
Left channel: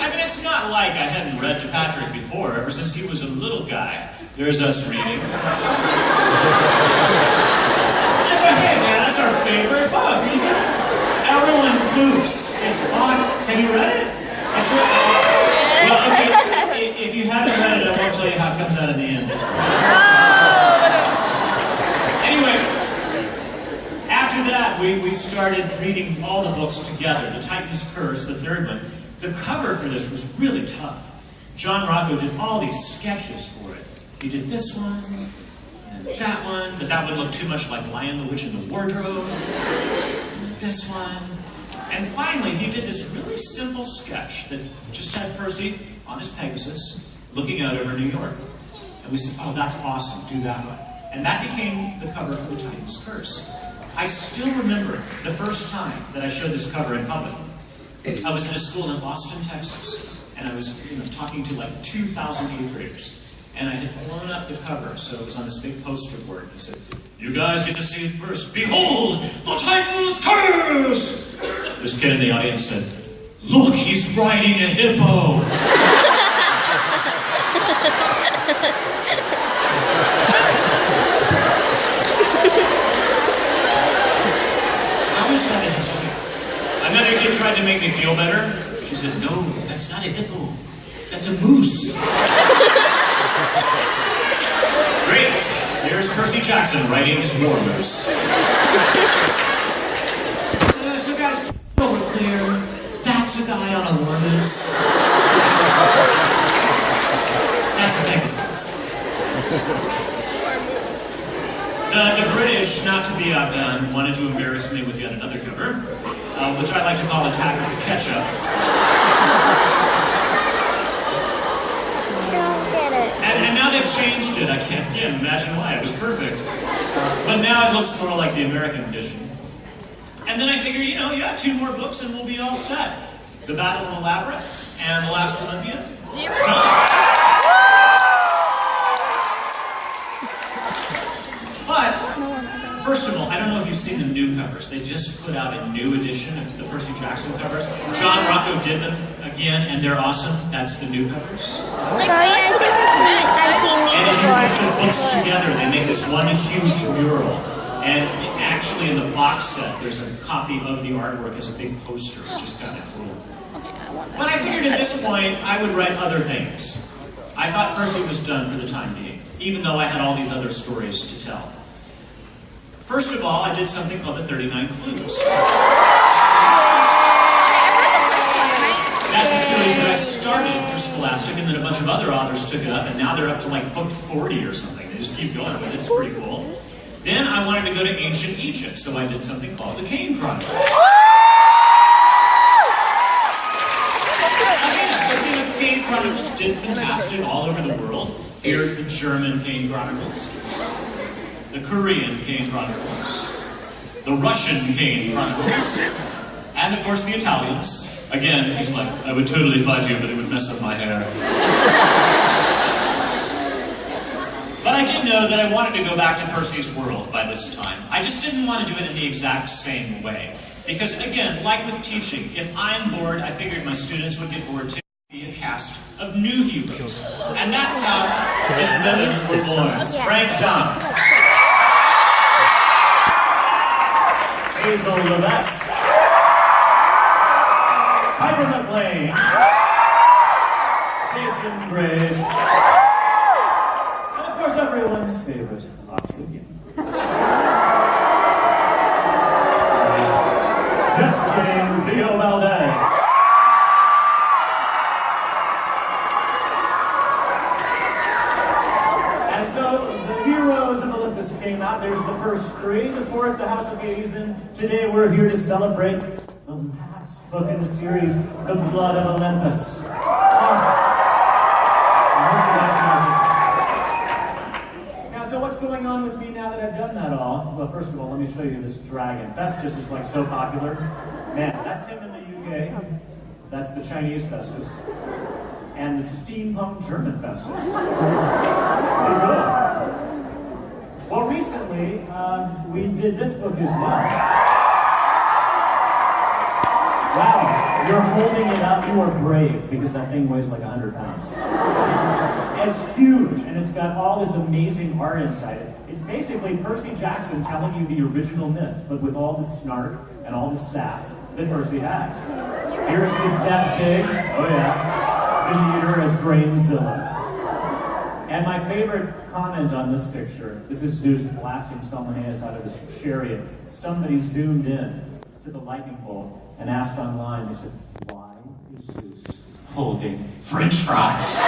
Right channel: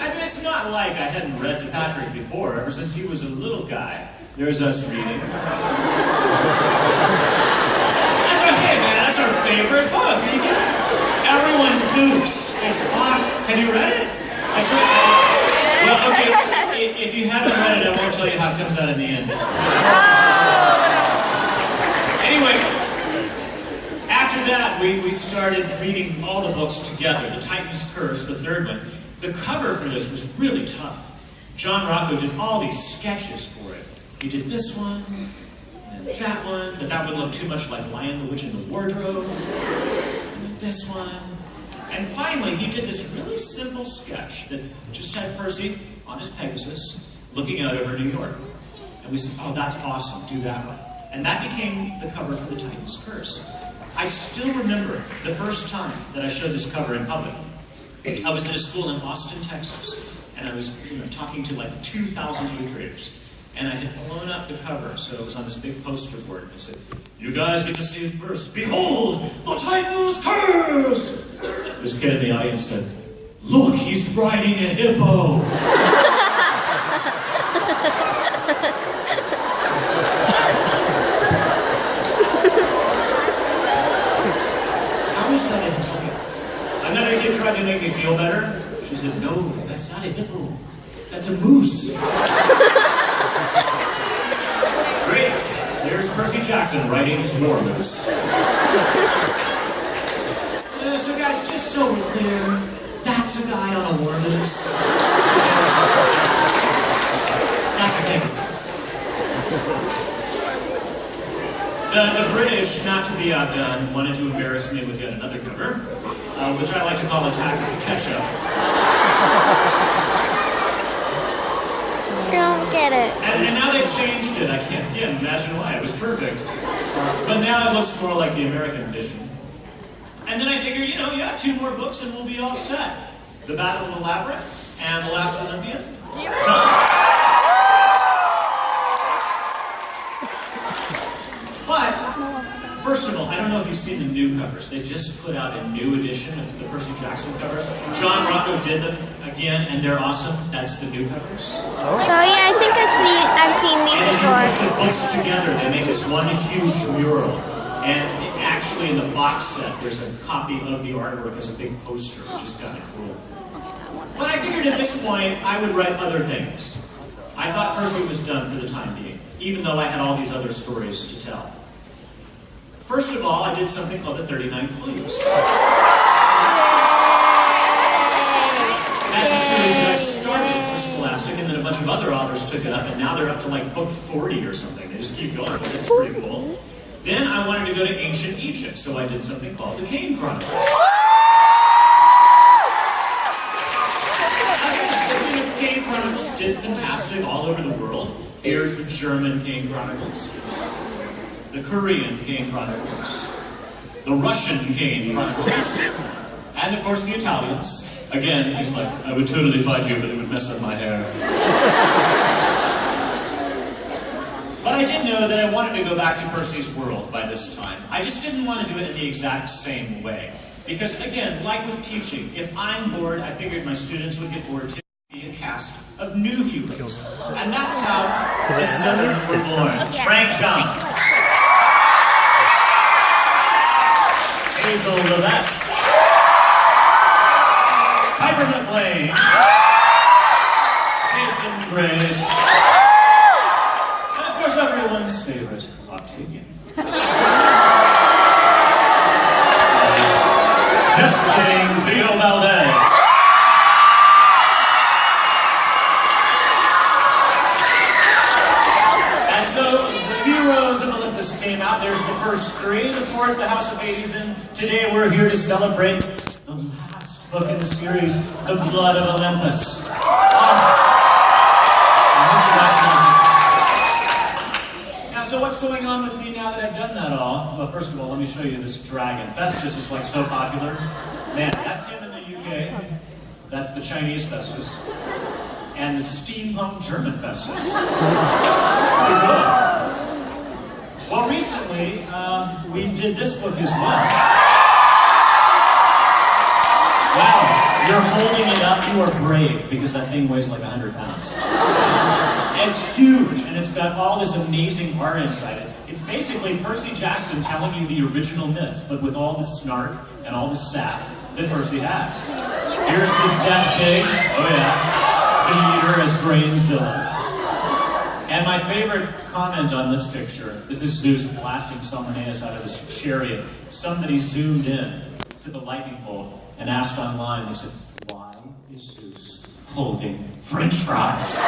I mean, it's not like I hadn't read to Patrick before, ever since he was a little guy. There's us reading. That's okay, man. That's our favorite book. Everyone poops. It's hot. Have you read it? That's right. Well, okay. If you haven't read it, I won't tell you how it comes out in the end. Anyway, after that, we started reading all the books together. The Titan's Curse, the 3rd one. The cover for this was really tough. John Rocco did all these sketches for it. He did this one, and that one, but that one looked too much like Lion the Witch in the Wardrobe, and this one. And finally, he did this really simple sketch that just had Percy on his Pegasus, looking out over New York. And we said, oh, that's awesome, do that one. And that became the cover for The Titan's Curse. I still remember the first time that I showed this cover in public. I was at a school in Austin, Texas, and I was talking to like 2,000 8th graders. And I had blown up the cover, so it was on this big poster board. I said, you guys get to see it first. Behold, the Titan's Curse! This kid in the audience said, look, he's riding a hippo! How is that a hippo? Another kid tried to make me feel better. She said, no, that's not a hippo. That's a moose. Great. Here's Percy Jackson riding his war moose. So guys, just so we're clear, that's a guy on a war moose. That's Pegasus. The British, not to be outdone, wanted to embarrass me with yet another cover, which I like to call Attack of the Ketchup. And now they've changed it. I can't imagine why. It was perfect. But now it looks more like the American edition. And then I figured, 2 more books and we'll be all set. The Battle of the Labyrinth and The Last Olympian. Done. But covers. They just put out a new edition of the Percy Jackson covers. John Rocco did them again, and they're awesome. That's the new covers. Oh yeah, I think I've seen these And if you before. put the books together, they make this one huge mural. And actually in the box set, there's a copy of the artwork as a big poster, which is kind of cool. But I figured at this point, I would write other things. I thought Percy was done for the time being, even though I had all these other stories to tell. First of all, I did something called the 39 Clues. That's a series that I started for Scholastic, and then a bunch of other authors took it up, and now they're up to like book 40 or something. They just keep going with it. It's pretty cool. Then I wanted to go to ancient Egypt, so I did something called the Kane Chronicles. Again, the Kane Chronicles did fantastic all over the world. Here's the German Kane Chronicles, the Korean Kane Chronicles, the Russian Kane Chronicles, and of course the Italians. Again, he's like, I would totally fight you, but it would mess up my hair. But I did know that I wanted to go back to Percy's world by this time. I just didn't want to do it in the exact same way. Because again, like with teaching, if I'm bored, I figured my students would get bored too. Be a cast of new heroes. And that's how the seven were born. Frank John, Hazel Levesque, Piper McLean, Jason Grace, and of course everyone's favorite, Octavian. Just kidding, Theo Valdez. And so the Heroes of Olympus came out. There's the first three, the fourth, the House of Hades, and today we're here to celebrate the last book in the series, The Blood of Olympus. Now, so what's going on with me now that I've done that all? Well, first of all, let me show you this dragon. Festus is like so popular. Man, that's him in the UK. That's the Chinese Festus. And the steampunk German Festus. It's pretty good. Well, recently, we did this book as well. Wow, you're holding it up, you are brave, because that thing weighs like 100 pounds. It's huge, and it's got all this amazing art inside it. It's basically Percy Jackson telling you the original myths, but with all the snark and all the sass that Percy has. Here's the Death Pig, oh yeah, Demeter as Brainzilla. And my favorite comment on this picture, this is Zeus blasting Salmoneus out of his chariot. Somebody zoomed in to the lightning bolt and asked online, they said, why is Zeus holding French fries?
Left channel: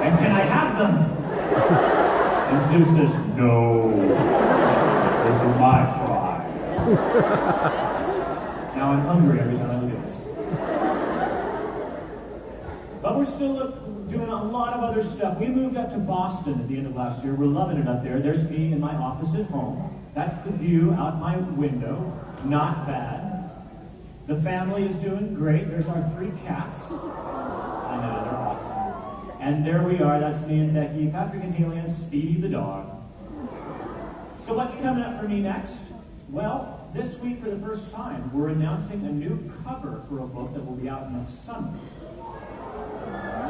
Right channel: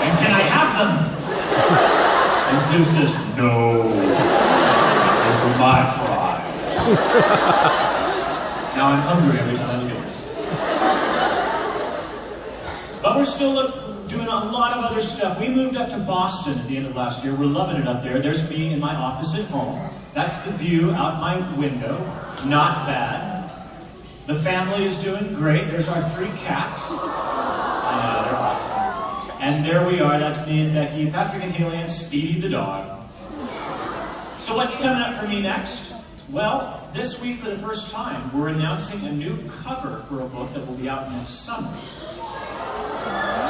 And can I have them? And Zeus says, no, those are my fries. Now I'm hungry every time I look at this. But we're still doing a lot of other stuff. We moved up to Boston at the end of last year. We're loving it up there. There's me in my office at home. That's the view out my window. Not bad. The family is doing great. There's our 3 cats. I know, they're awesome. And there we are. That's me and Becky, Patrick and Haley, and Speedy the dog. So what's coming up for me next? Well, this week for the first time, we're announcing a new cover for a book that will be out next summer.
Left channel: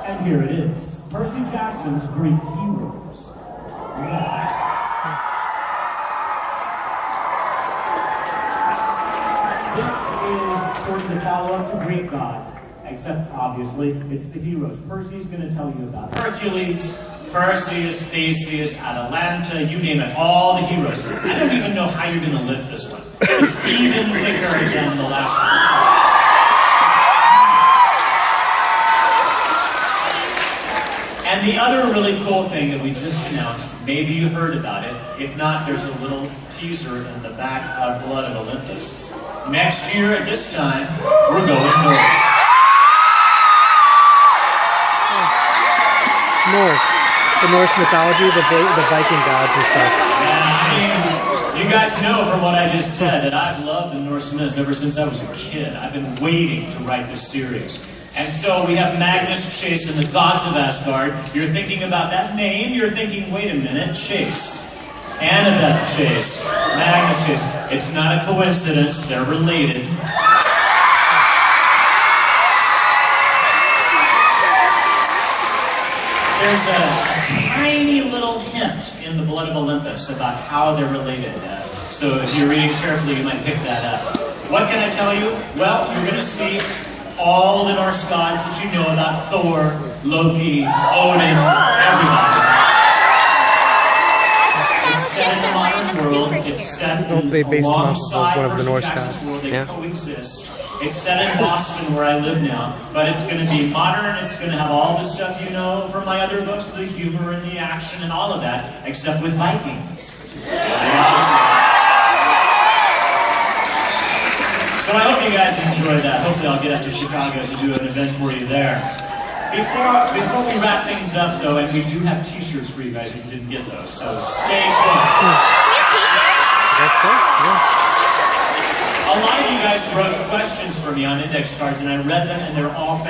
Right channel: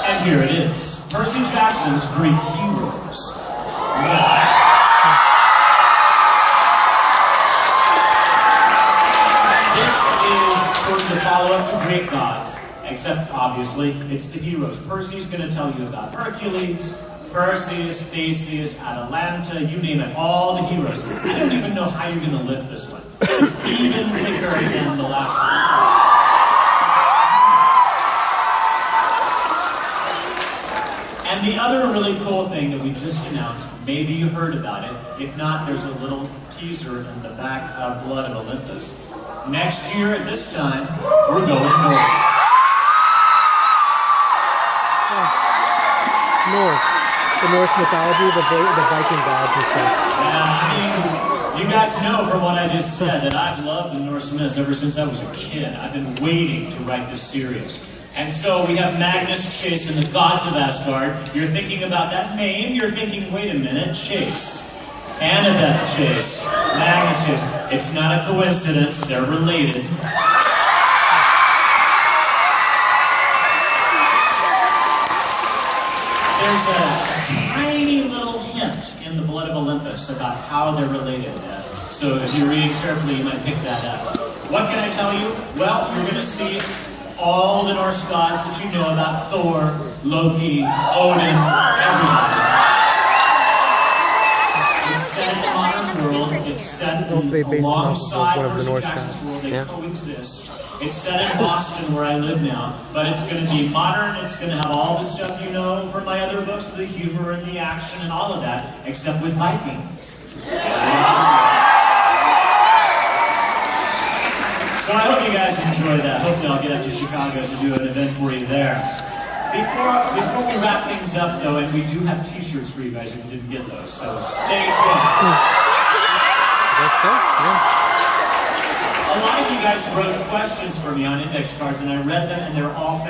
And here it is, Percy Jackson's Greek Heroes. This is sort of the follow-up to Greek gods, except obviously it's the heroes. Percy's going to tell you about Hercules, Perseus, Theseus, Atalanta, you name it, all the heroes. I don't even know how you're going to lift this one. It's even thicker than the last one. And the other really cool thing that we just announced, maybe you heard about it. If not, there's a little teaser in the back of Blood of Olympus. Next year at this time, we're going north. Norse. The Norse mythology, the Viking gods and stuff. Yeah, I mean, you guys know from what I just said that I've loved the Norse myths ever since I was a kid. I've been waiting to write this series. And so we have Magnus, Chase, and the gods of Asgard. You're thinking about that name, you're thinking, wait a minute, Chase. Annabeth Chase, Magnus Chase. It's not a coincidence, they're related. There's a tiny little hint in the Blood of Olympus about how they're related. So if you're reading carefully, you might pick that up. What can I tell you? Well, you're going to see all the Norse gods that you know about: Thor, Loki, Odin, everybody. It's set in the modern world. It's set They based them off alongside of one of the Percy Norse Jackson's gods. world. They Yeah. coexist. It's set in Boston, where I live now, but it's going to be modern. It's going to have all the stuff you know from my other books, the humor and the action and all of that, except with Vikings. So I hope you guys enjoy that. Hopefully I'll get up to Chicago to do an event for you there. Before we wrap things up, though, and we do have t-shirts for you guys if you didn't get those, so stay put. That's so? Yeah. A lot of you guys wrote questions for me on index cards, and I read them, and they're all fast.